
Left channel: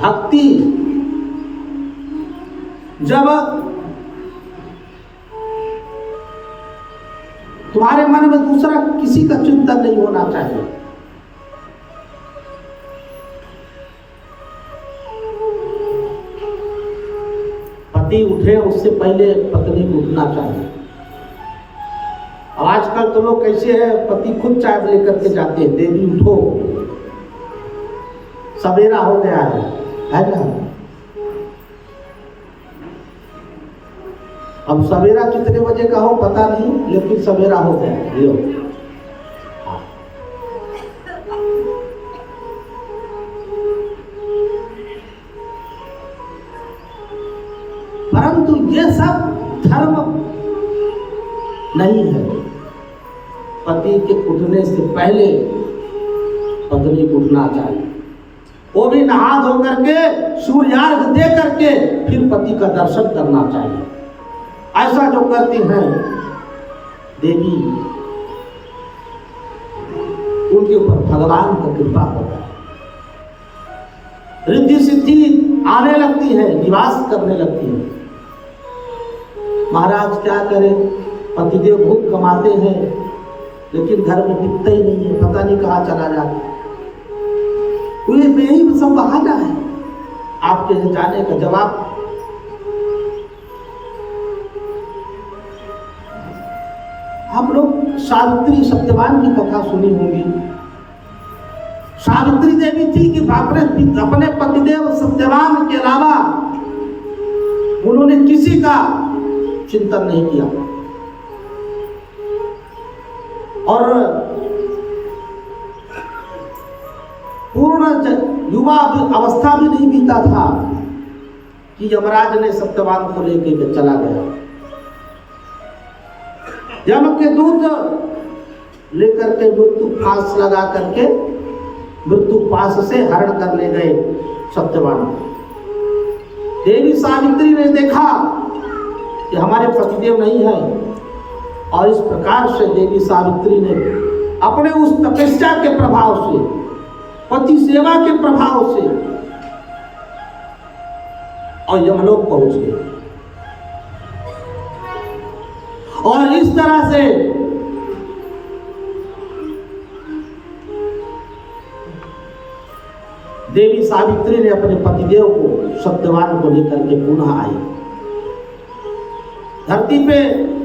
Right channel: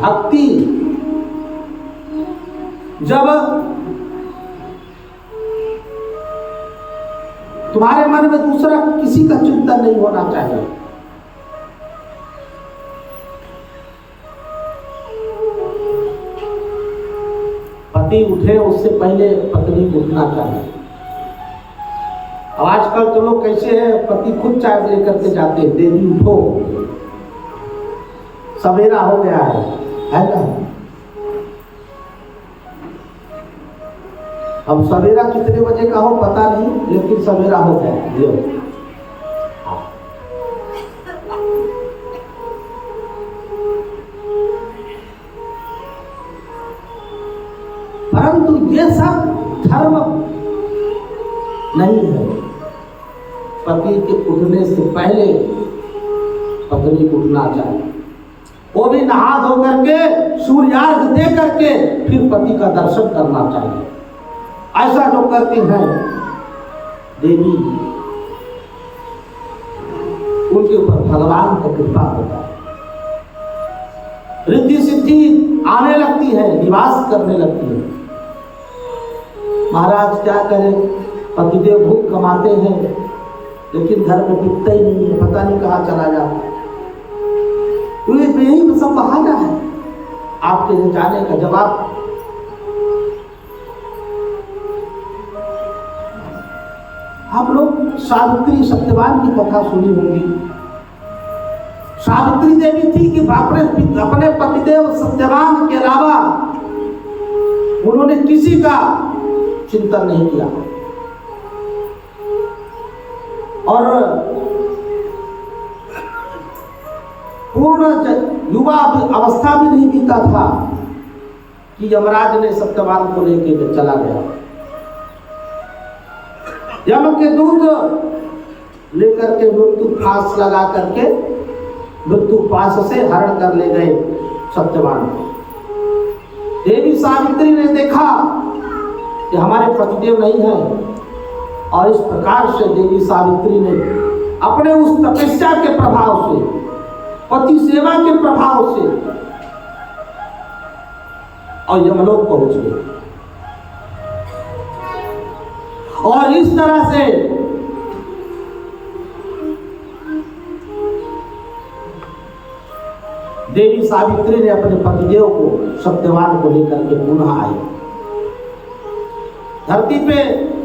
भक्ति। जब तुम्हारे मन में दूसरा किसी का चिंतन नहीं होना चाहिए, पति उठे उससे पहले पत्नी को उठना चाहिए। अब आजकल तो लोग कैसे हैं, पति खुद चाय लेकर के जाते हैं, देवी उठो सवेरा हो गया है ना। अब सवेरा कितने बजे का हो पता नहीं, लेकिन सवेरा हो गया है। परंतु ये सब धर्म नहीं है। पति के उठने से पहले पत्नी को उठना चाहिए, वो भी नहा धो करके सूर्यार्घ दे करके फिर पति का दर्शन करना चाहिए। ऐसा जो करती हैं देवी, उनके ऊपर भगवान का कृपा होता है, रिद्धि सिद्धि आने लगती है, निवास करने लगती है। महाराज क्या करें, पतिदेव भूख कमाते हैं लेकिन घर में टिकता ही नहीं है, पता नहीं कहाँ चला जाता। तो यही सब बहाना है आपके जाने का। जवाब हम लोग सावित्री सत्यवान की कथा सुनी होंगी। सावित्री देवी थी कि अपने पतिदेव सत्यवान के अलावा उन्होंने किसी का चिंतन नहीं किया और पूर्ण युवा अवस्था भी नहीं बीता था कि यमराज ने सत्यवान को लेकर चला गया। यम के दूत लेकर के मृत्यु फांस लगा करके मृत्यु पास से हरण कर ले गए सत्यवान। देवी सावित्री ने देखा कि हमारे पतिदेव नहीं है और इस प्रकार से देवी सावित्री ने अपने उस तपस्या के प्रभाव से, पति सेवा के प्रभाव से और यमलोक पहुंच गए। और इस तरह से देवी सावित्री ने अपने पतिदेव को सत्यवान को लेकर के पुनः आई। धरती पे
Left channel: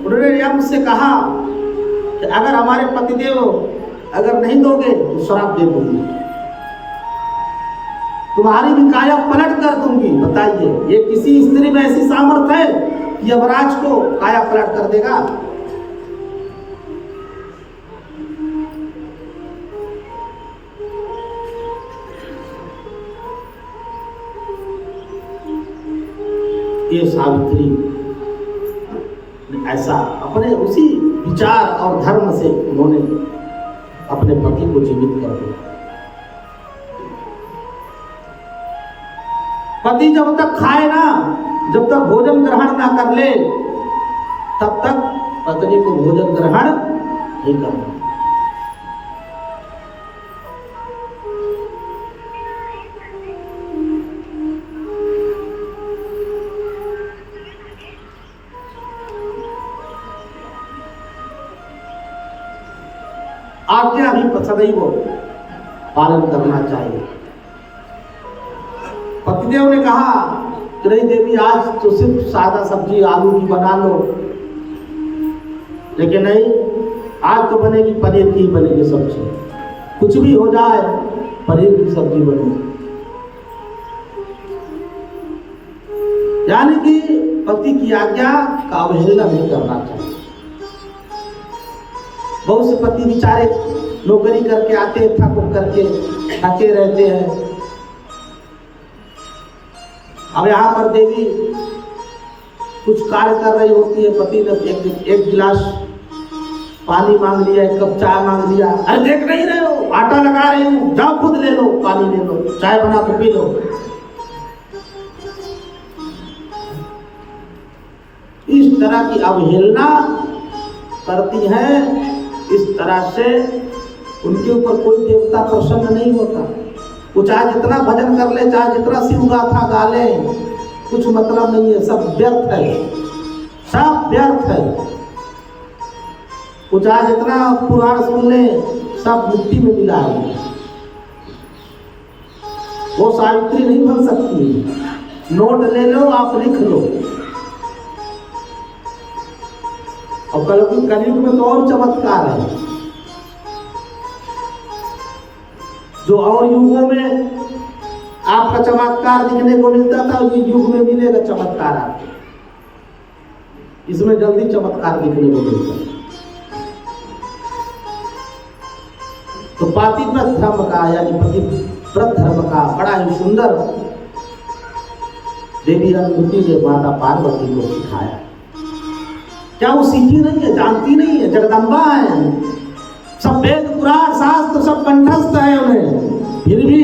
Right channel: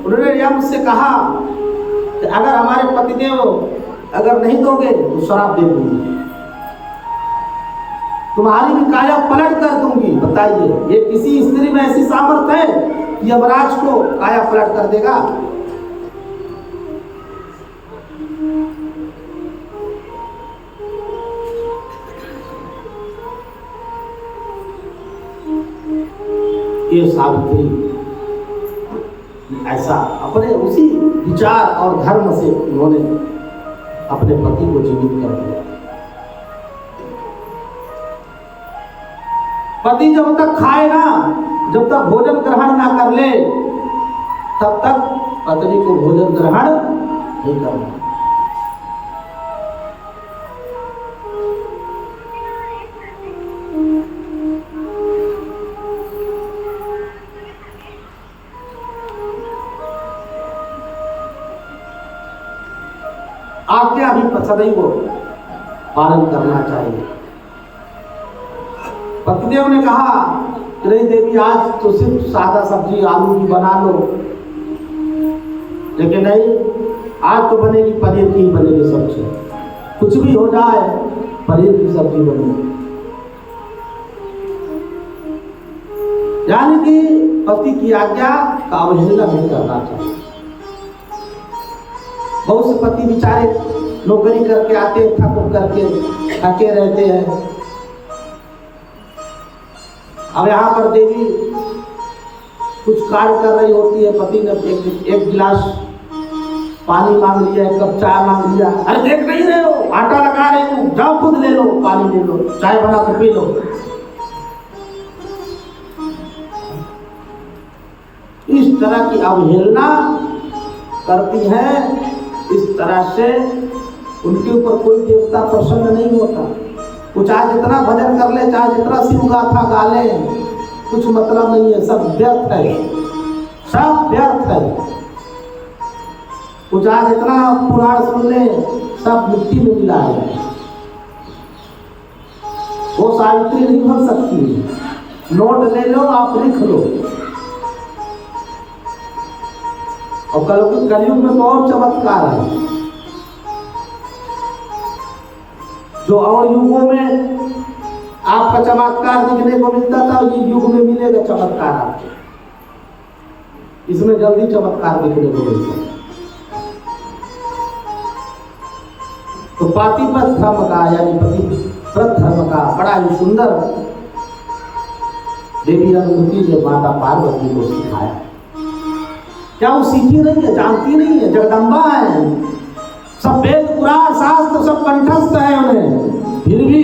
उन्होंने यम से कहा कि अगर हमारे पतिदेव अगर नहीं दोगे तो श्राप दे दूंगी, तुम्हारी भी काया पलट कर दूंगी। बताइए, ये किसी स्त्री में ऐसी सामर्थ्य है कि यमराज को काया पलट कर देगा? ये सावित्री ऐसा अपने उसी विचार और धर्म से उन्होंने अपने पति को जीवित कर दिया। पति जब तक खाए ना, जब तक भोजन ग्रहण ना कर ले, तब तक पत्नी को भोजन ग्रहण नहीं करना। आज्ञा भी सदैव पालन करना चाहिए। पतिदेव ने कहा कि नहीं देवी, आज तो सिर्फ सादा सब्जी आलू की बना लो, लेकिन नहीं, आज तो बनेगी पनीर की बनेगी सब्जी, कुछ भी हो जाए पनीर की सब्जी बनेगी। यानी कि पति की आज्ञा का अवहेलना नहीं करना चाहिए। बहुत से पति बेचारे नौकरी करके आते हैं, थक करके थके रहते हैं। अब यहाँ पर देवी कुछ कार्य कर रही होती है, पति ने एक गिलास पानी मांग लिया, एक कप चाय मांग लिया। अरे देख नहीं रहे हो, आटा लगा रही हूँ, जाओ खुद ले लो, पानी ले लो, चाय बना कर पी लो। इस तरह की अवहेलना करती हैं। इस तरह से उनके ऊपर कोई देवता प्रसन्न नहीं होता। वो चाहे जितना भजन कर ले, चाहे जितना शिव गाथा गा ले, कुछ मतलब नहीं है, सब व्यर्थ है, सब व्यर्थ है। वो चाहे जितना पुराण सुन ले, सब मिट्टी में मिला है। वो सावित्री नहीं बन सकती। नोट ले लो, आप लिख लो, और कलयुग में तो और चमत्कार है, जो और युगों में आपका चमत्कार दिखने को मिलता था, ये युग में मिलेगा चमत्कार आपको। इसमें जल्दी चमत्कार दिखने को मिलता है। तो पातिव्रत धर्म का यानी पतिव्रत धर्म का बड़ा ही सुंदर देवी अनुमति ने माता पार्वती को सिखाया। क्या वो सीखी नहीं है, जानती नहीं है? जगदम्बा है, सब वेद पुराण शास्त्र सब कंठस्थ है उन्हें, फिर भी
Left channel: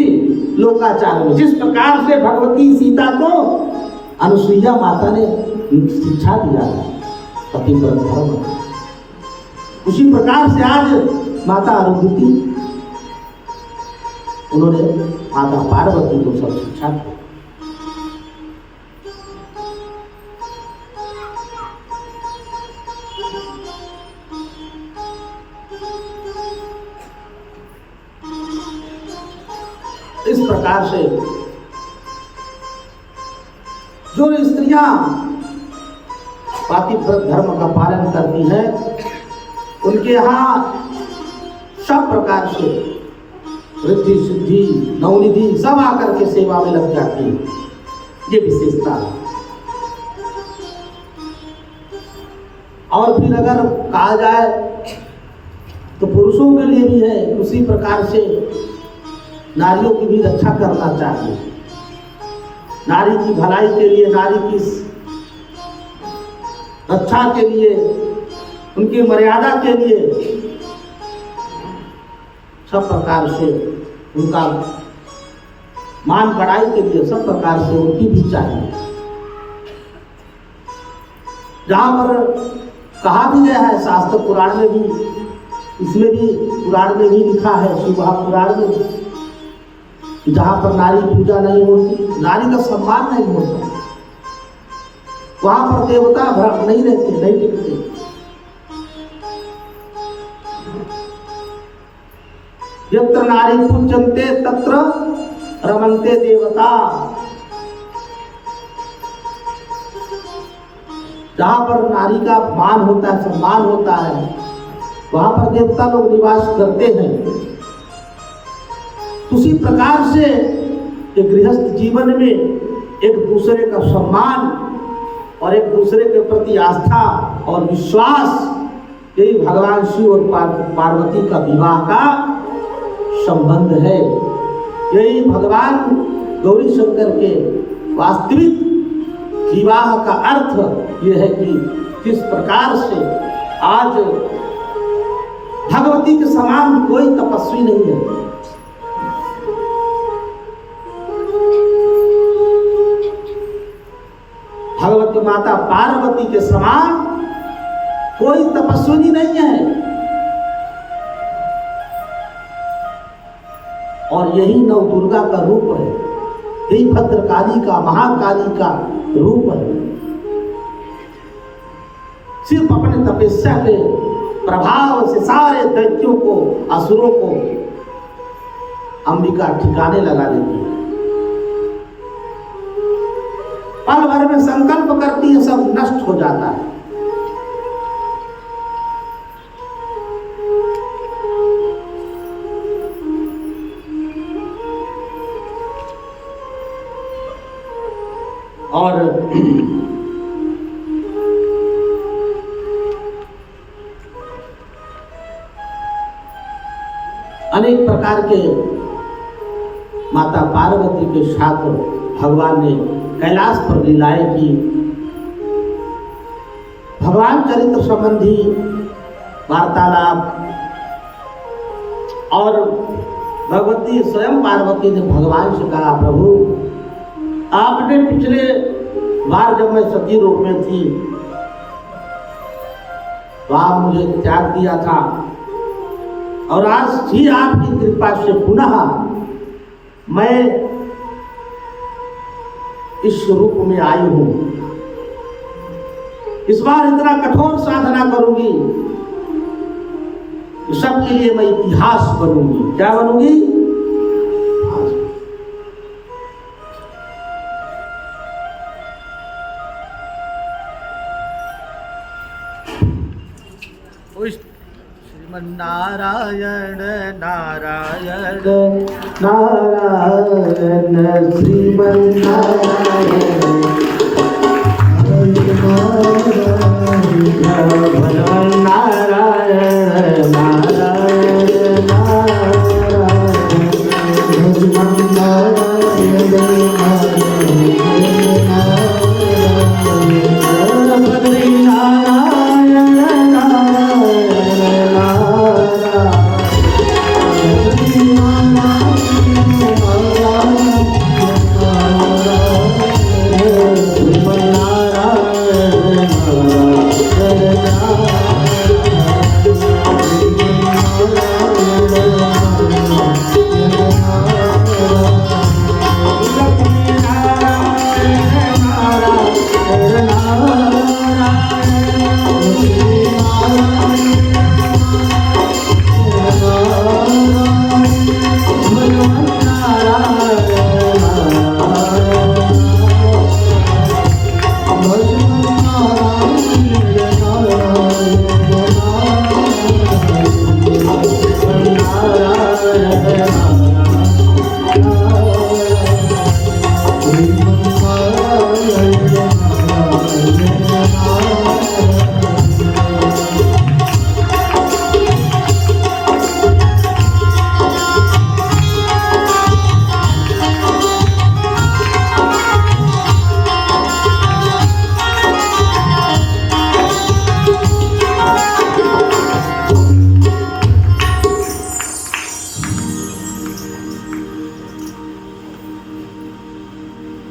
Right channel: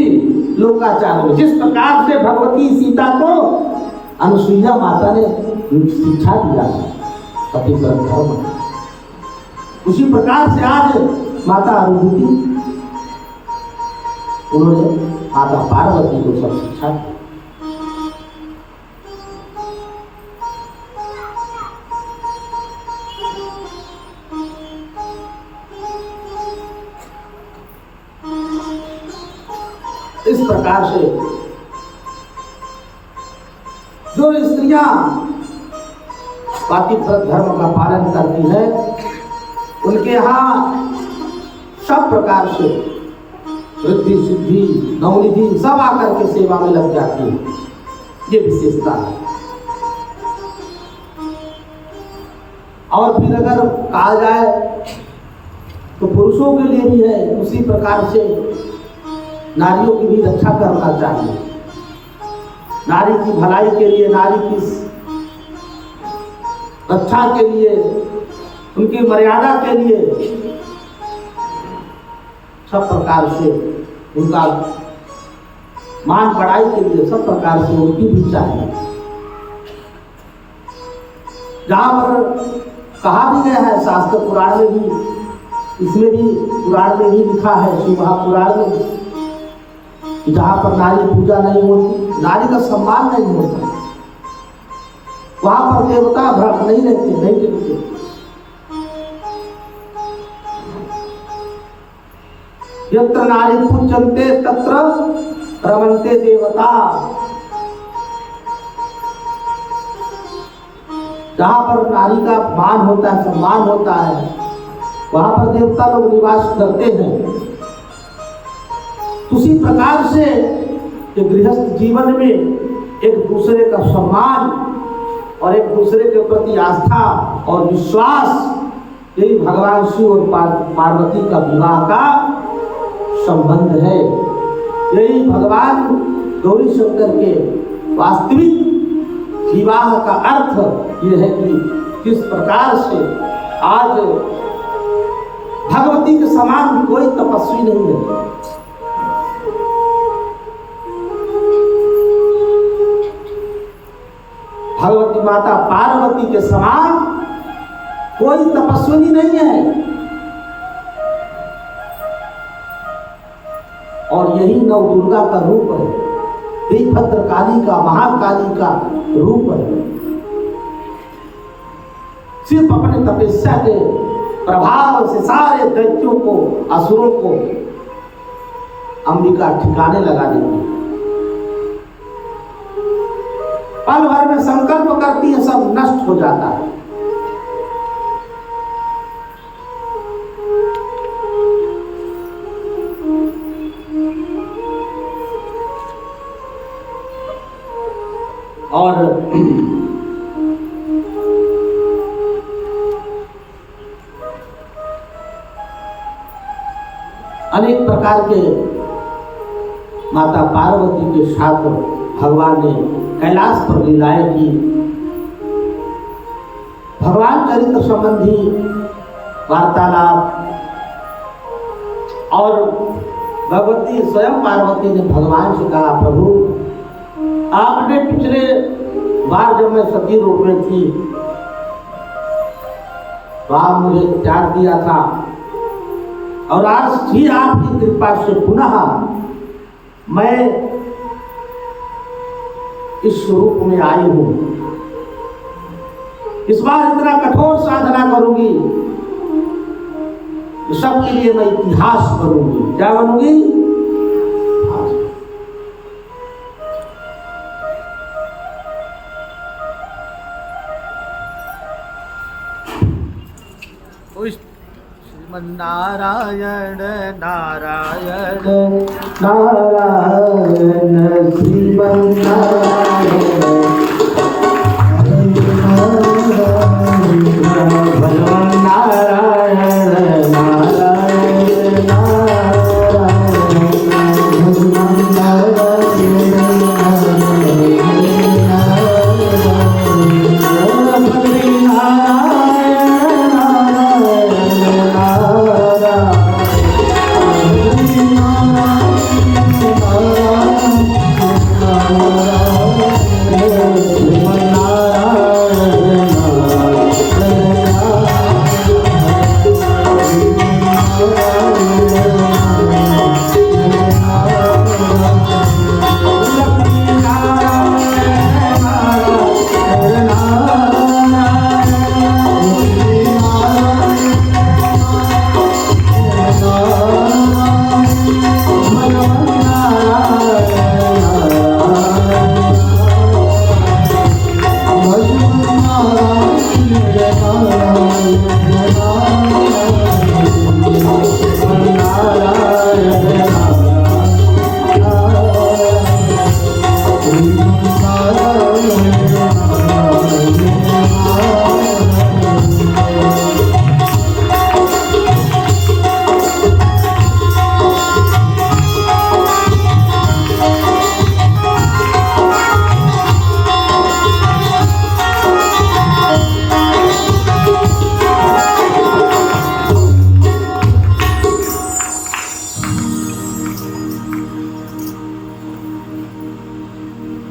लोकाचार में जिस प्रकार से भगवती सीता को अनुसुईया माता ने शिक्षा दिया था पतिव्रत धर्म, उसी प्रकार से आज माता अरुंधति उन्होंने माता पार्वती को सब शिक्षा दी। इस प्रकार से जो स्त्रियां पातिव्रत धर्म का पालन करती हैं, उनके यहाँ सब प्रकार से वृद्धि सिद्धि नवनिधि सब आकर के सेवा में लग जाती है। ये विशेषता है। और फिर अगर कहा जाए तो पुरुषों के लिए भी है, उसी प्रकार से नारियों की भी रक्षा करना चाहिए। नारी की भलाई के लिए, नारी की रक्षा के लिए, उनकी मर्यादा के लिए सब प्रकार से उनका मान बढ़ाई के लिए सब प्रकार से उनकी भी चाहिए। जहां पर कहा भी गया है शास्त्र पुराण में भी, इसमें भी पुराण में भी लिखा है, शिव महापुराण में, कि जहां पर नारी पूजा नहीं होती, नारी का सम्मान नहीं होता, वहां पर देवता भ्रम नहीं रहते, नहीं टिकते। यत्र नारी पूज्यन्ते तत्र रमन्ते देवता। जहां पर नारी का मान होता है, सम्मान होता है, वहां पर देवता लोग निवास करते हैं। उसी प्रकार से गृहस्थ जीवन में एक दूसरे का सम्मान और एक दूसरे के प्रति आस्था और विश्वास, यही भगवान शिव और पार्वती का विवाह का संबंध है। यही भगवान गौरी शंकर के वास्तविक विवाह का अर्थ यह है कि किस प्रकार से आज भगवती के समान कोई तपस्वी नहीं है। भगवती माता पार्वती के समान कोई तपस्विनी नहीं है। और यही नव दुर्गा का रूप है, यही भद्रकाली का, महाकाली का रूप है। सिर्फ अपने तपस्या के प्रभाव से सारे दैत्यों को, असुरों को अंबिका ठिकाने लगा देती है। पल भर में संकल्प करती है, सब नष्ट हो जाता है। और अनेक प्रकार के माता पार्वती के साथ भगवान ने कैलाश पर लीलाएं की। भगवान चरित्र संबंधी वार्तालाप और भगवती स्वयं पार्वती ने भगवान से कहा, प्रभु आपने पिछले बार जब मैं सती रूप में थी तो आप मुझे त्याग दिया था, और आज ही आपकी कृपा से पुनः मैं इस रूप में आई हूं। इस बार इतना कठोर साधना करूंगी कि सबके लिए मैं इतिहास बनूंगी। क्या बनूंगी? नारायण नारायण नारायण श्रीमन्नारायण भजन नारायण नारायण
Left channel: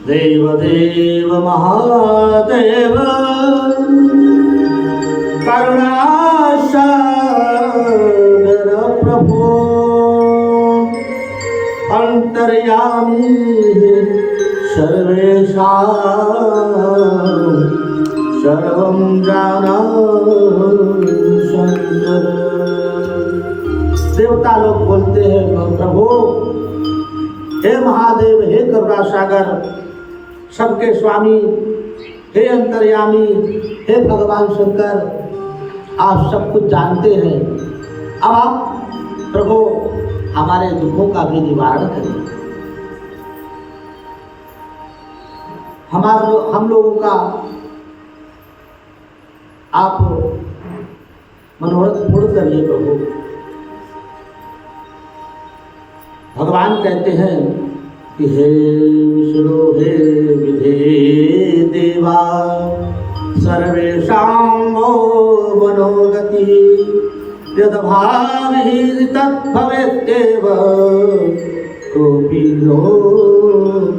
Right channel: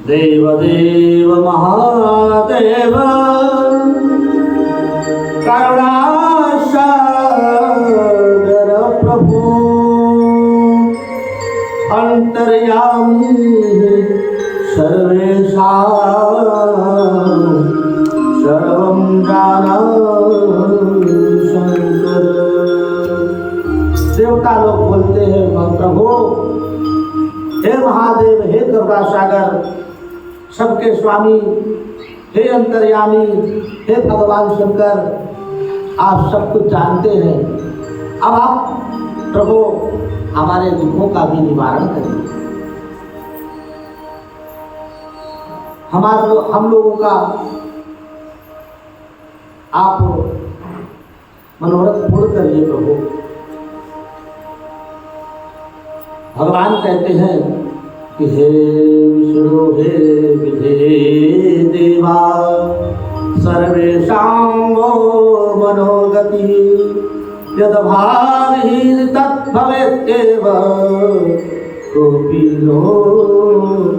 देवदेव महादेव करुणासागर प्रभु अंतर्यामी सर्वेशा सर्वं जाना शंकर। देवता लोग बोलते हैं प्रभु हे महादेव, हे करुणासागर, सबके स्वामी, हे अंतर्यामी, हे भगवान शंकर, आप सब कुछ जानते हैं। अब आप प्रभु हमारे दुखों का भी निवारण करिए। हम लोगों का आप मनोरथ पूर्ण करिए प्रभु। भगवान कहते हैं कि हे विष्णु हे विधे देवा सर्वेषां मनोगति यद्भावि तद्भवेत्येव कोऽपि नो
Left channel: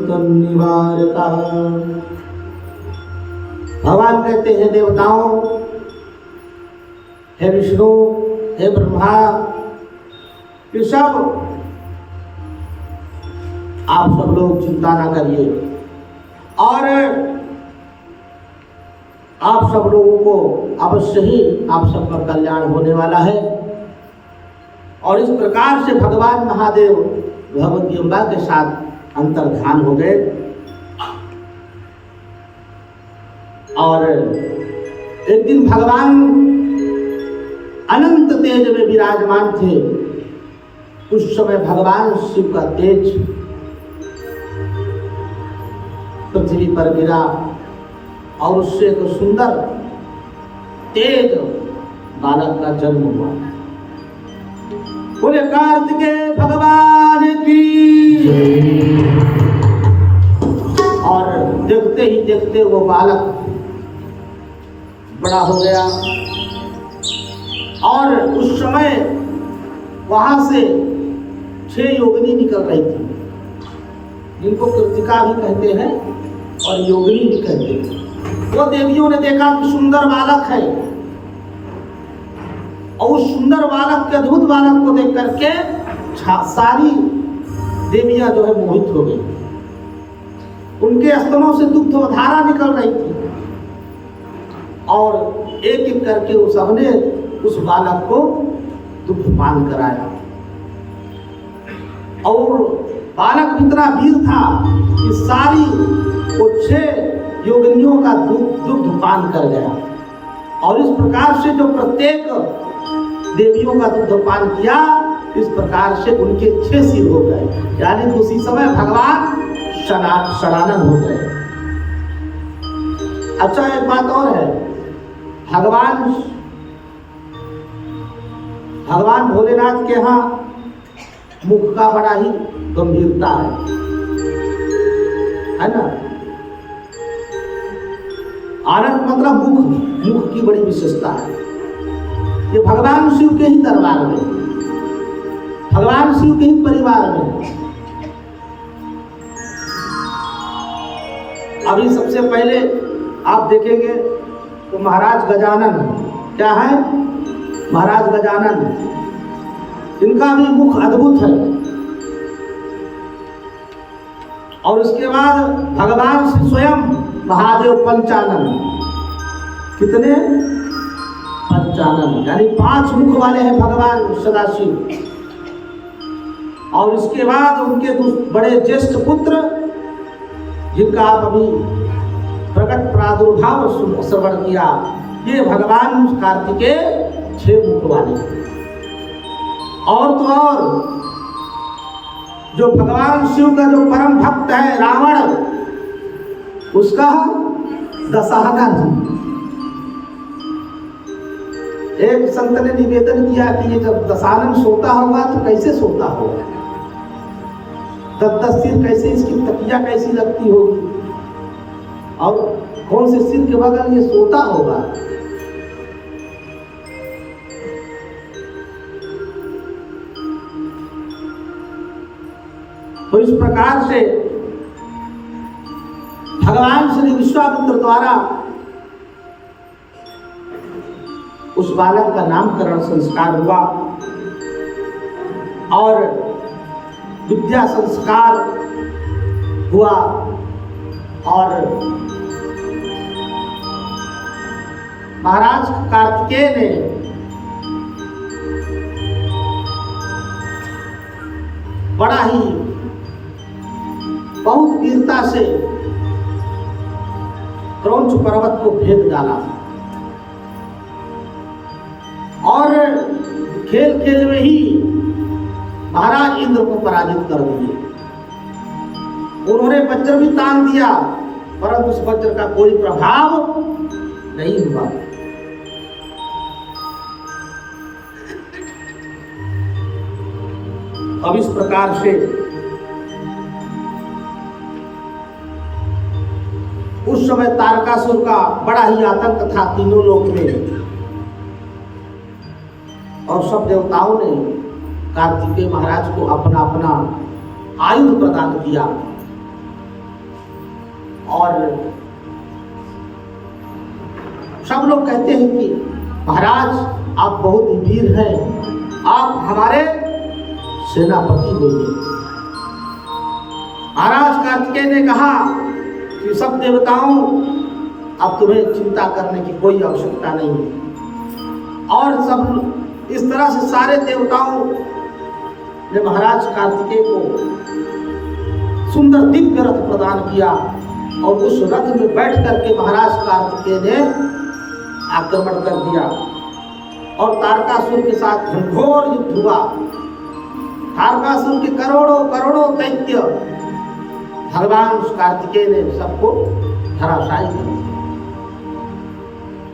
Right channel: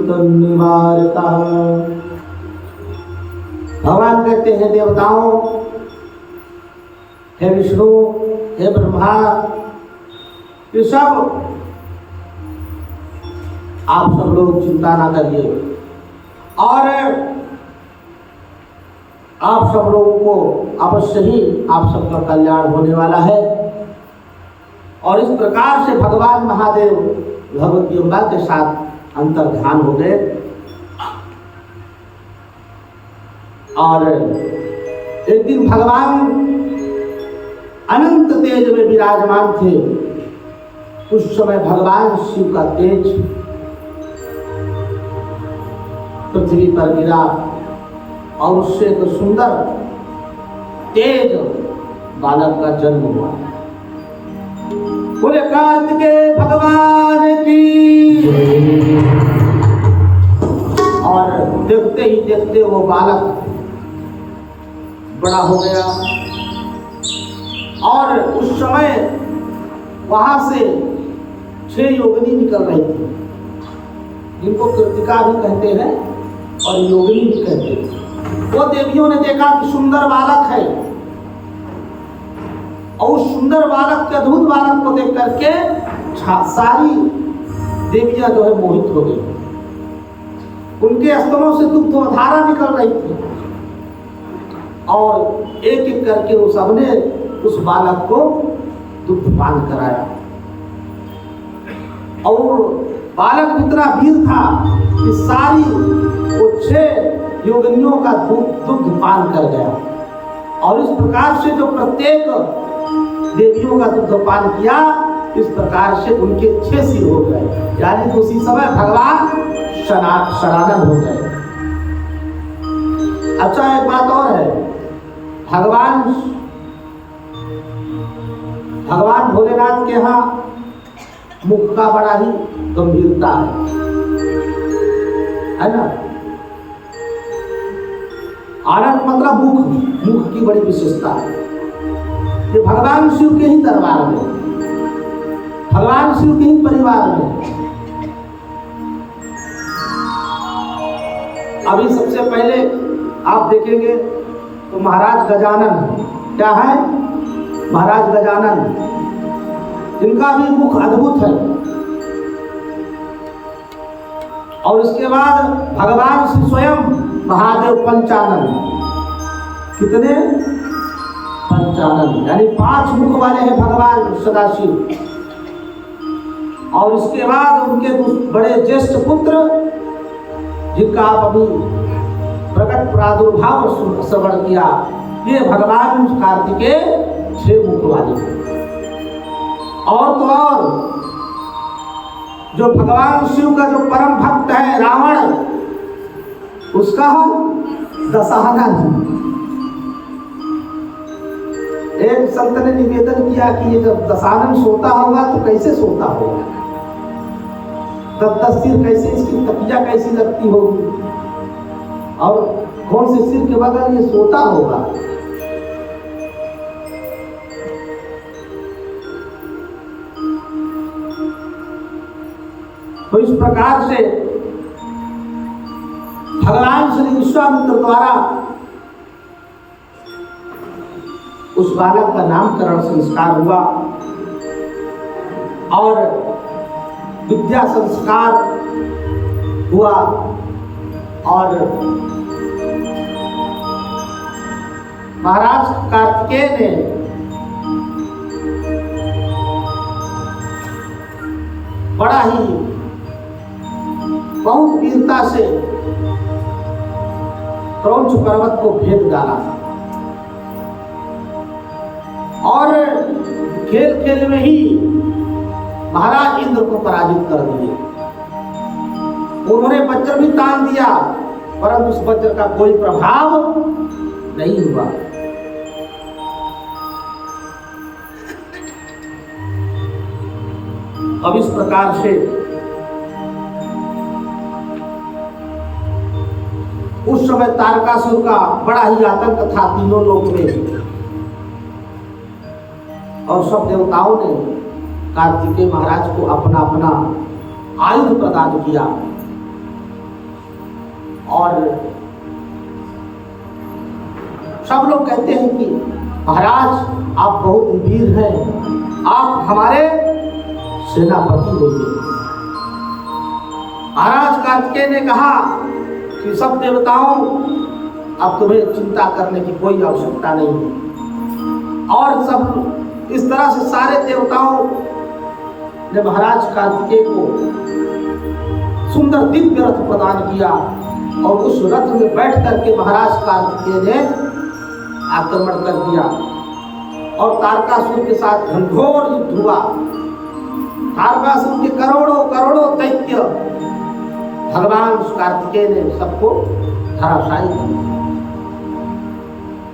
तन्निवारकः। भगवान कहते हैं देवताओं, हे विष्णु, हे ब्रह्मा, ये सब आप सब लोग चिंता ना करिए और आप सब लोगों को अवश्य ही आप सबका कल्याण होने वाला है। और इस प्रकार से भगवान महादेव भगवती अम्बा के साथ अंतर्ध्यान हो गए और एक दिन भगवान अनंत तेज में विराजमान थे। उस समय भगवान शिव का तेज पृथ्वी पर गिरा और उससे एक सुंदर तेज बालक का जन्म हुआ। बोले कार्तिकेय भगवान की। और देखते ही देखते वो बालक बड़ा हो गया और उस समय वहां से 6 योगिनी निकल रही थी, जिनको कृतिका भी कहते हैं और योगिनी भी कहते हैं। वो देवियों ने देखा कि सुंदर बालक है और उस सुंदर बालक के, अद्भुत बालक को देख करके सारी देवियां जो है मोहित हो गई। उनके स्तनों से दुग्ध धारा निकल रही थी और एक एक करके वो सबने उस बालक को दुग्धपान कराया। और बालक इतना वीर था कि सारी वो 6 योगिनियों का दुग्ध पान कर गया। और इस प्रकार से जो प्रत्येक देवियों का दुग्धपान किया, इस प्रकार से उनके 6 सिर हो गए, यानी तो उसी समय भगवान षडानन हो गए। अच्छा, एक बात और है, भगवान भोलेनाथ के यहाँ मुख का बड़ा ही गंभीरता है ना। आनंद मतलब मुख की बड़ी विशेषता है। ये भगवान शिव के ही दरबार में, भगवान शिव के ही परिवार में। अभी सबसे पहले आप देखेंगे तो महाराज गजानन, क्या है? महाराज गजानन, इनका भी मुख अद्भुत है। और इसके बाद भगवान श्री स्वयं महादेव पंचानन, कितने? पंचानन, यानी 5 मुख वाले हैं भगवान सदाशिव। और इसके बाद उनके बड़े ज्येष्ठ पुत्र, जिनका आप अभी प्रकट प्रादुर्भाव श्रवण किया, ये भगवान कार्तिकेय 6 मुख वाले। और तो और जो भगवान शिव का जो परम भक्त है रावण, उसका दशानन। एक संत ने निवेदन किया कि ये जब दशानन सोता होगा तो कैसे सोता होगा, 10 सिर कैसे, इसकी तकिया कैसी लगती होगी, और कौन से सिर के बगल ये सोता होगा। तो इस प्रकार से भगवान श्री विश्वामित्र द्वारा उस बालक का नामकरण संस्कार हुआ और विद्या संस्कार हुआ। और महाराज कार्तिकेय ने बड़ा ही बहुत वीरता से क्रौंच पर्वत को भेद डाला और खेल खेल में ही महाराज इंद्र को पराजित कर दिए। उन्होंने वज्र भी तान दिया, परंतु उस वज्र का कोई प्रभाव नहीं हुआ। अब इस प्रकार से उस समय तारकासुर का बड़ा ही आतंक था तीनों लोक में, और सब देवताओं ने कार्तिकेय महाराज को अपना अपना आयुध प्रदान किया। और सब लोग कहते हैं कि महाराज आप बहुत वीर हैं, आप हमारे सेनापति होंगे। महाराज कार्तिकेय ने कहा कि सब देवताओं, अब तुम्हें चिंता करने की कोई आवश्यकता नहीं है। और सब इस तरह से सारे देवताओं ने महाराज कार्तिकेय को सुंदर दिव्य रथ प्रदान किया, और उस रथ में बैठ करके महाराज कार्तिकेय ने आक्रमण कर दिया और तारकासुर के साथ घनघोर युद्ध हुआ। तारकासुर के करोड़ों करोड़ों दैत्य भगवान कार्तिकेय ने सबको धराशायी कर दिया,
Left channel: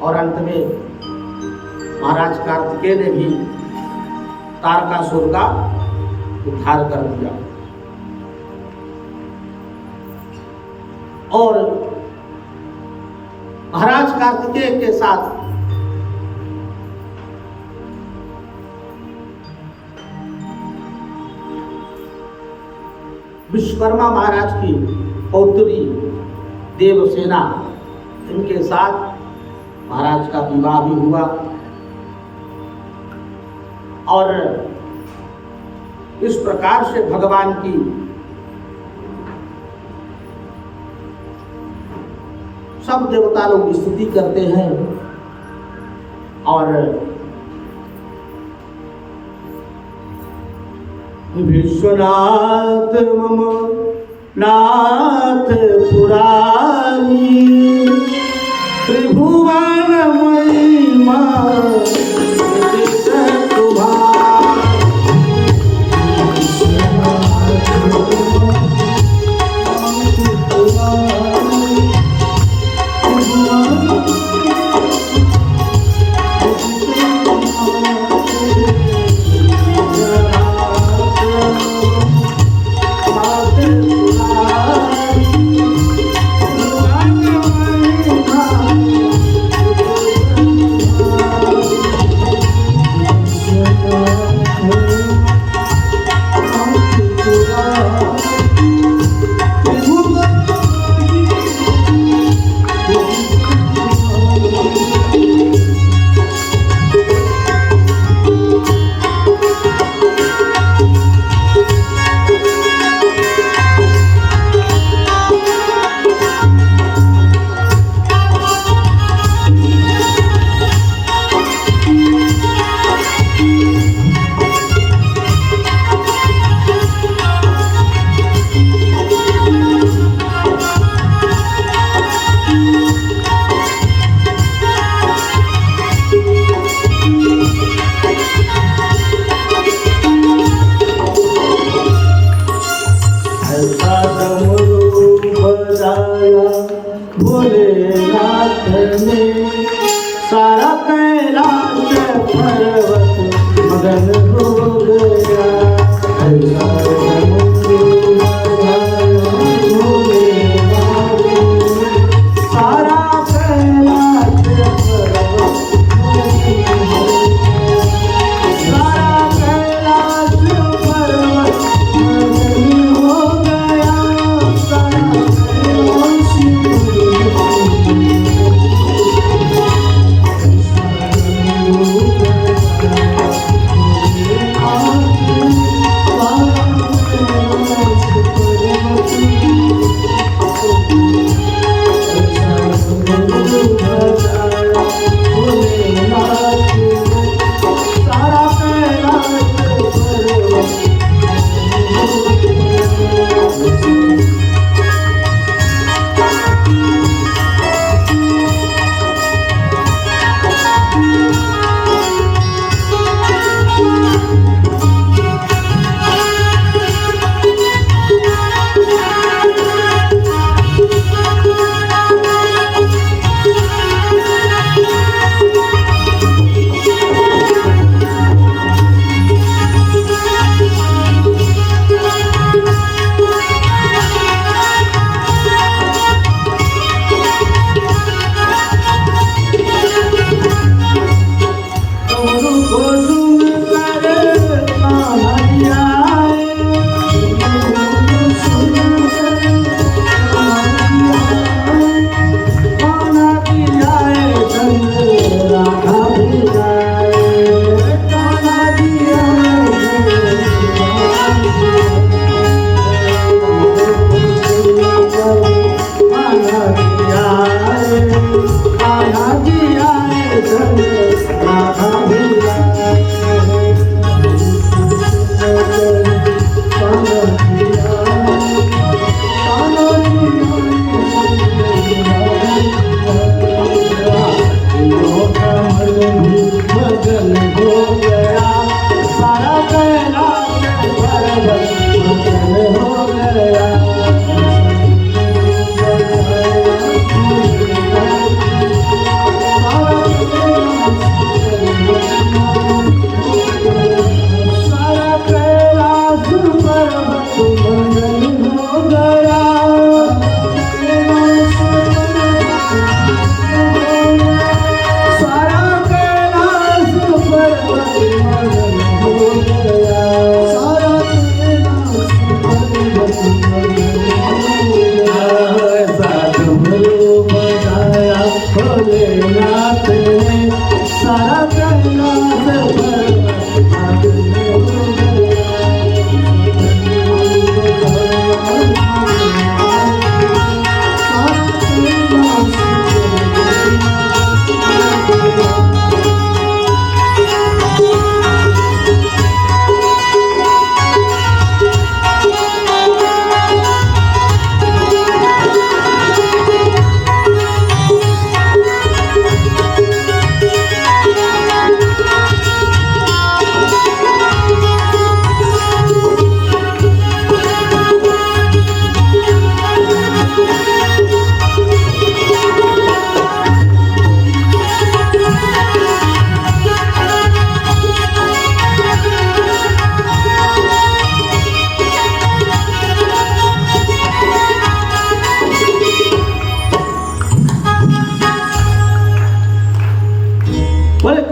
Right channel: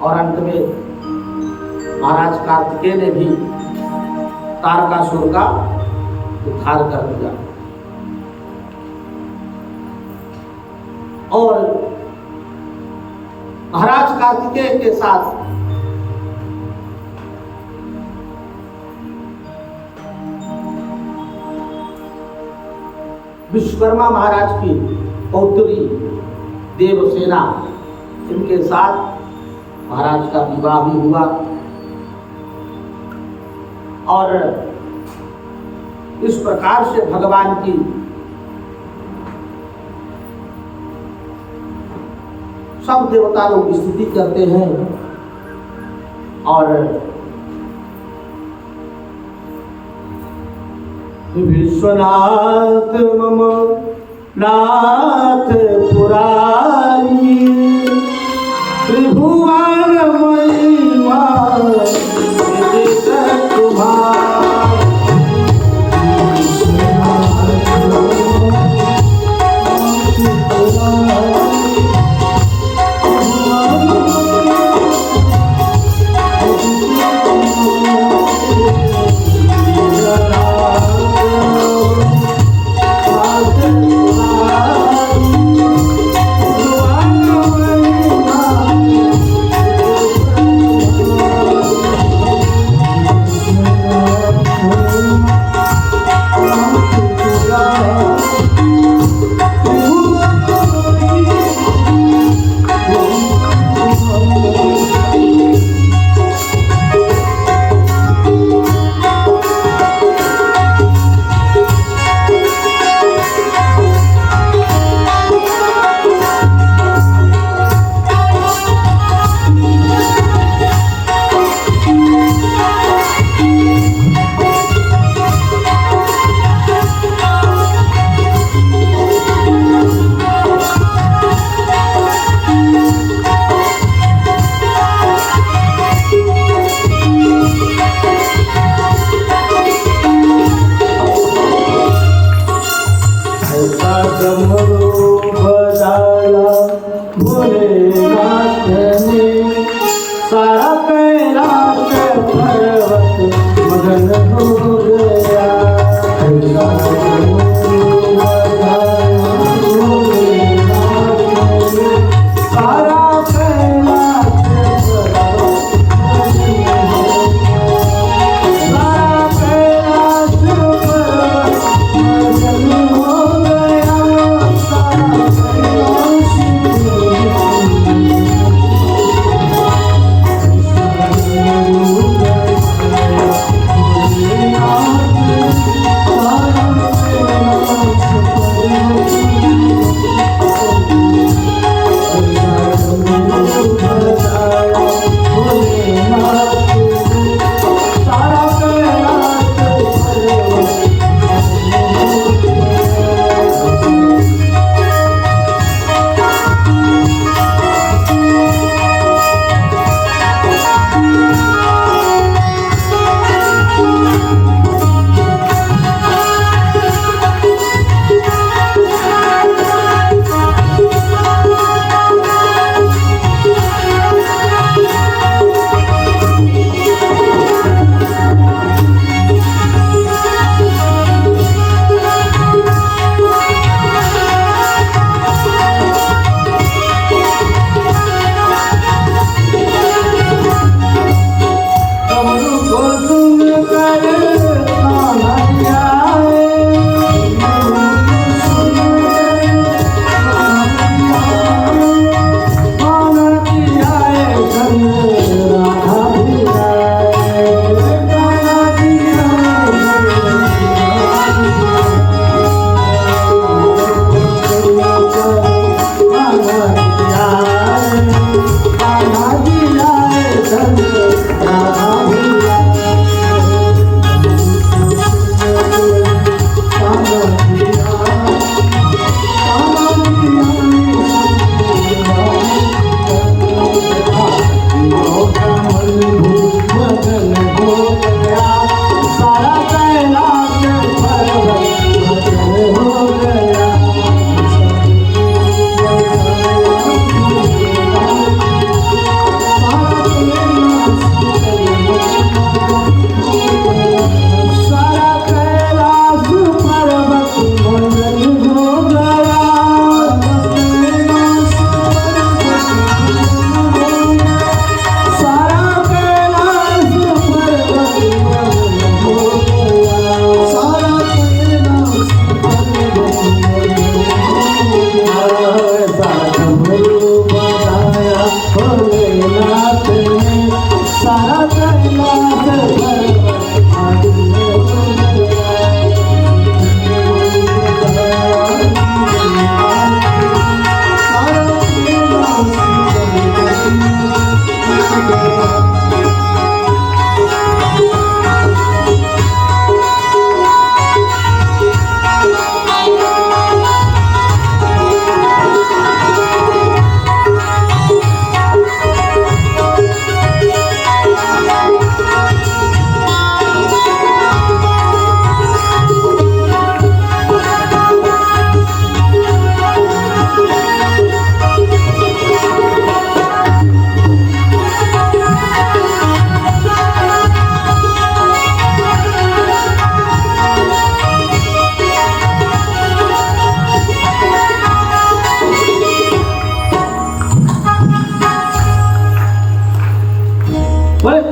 और अंत में महाराज कार्तिकेय ने भी तारकासुर का उद्धार कर दिया। और महाराज कार्तिकेय के साथ विश्वकर्मा महाराज की पौत्री देवसेना, इनके साथ महाराज का विवाह भी हुआ। और इस प्रकार से भगवान की सब देवता लोग स्तुति करते हैं। और विश्वनाथ मम नाथ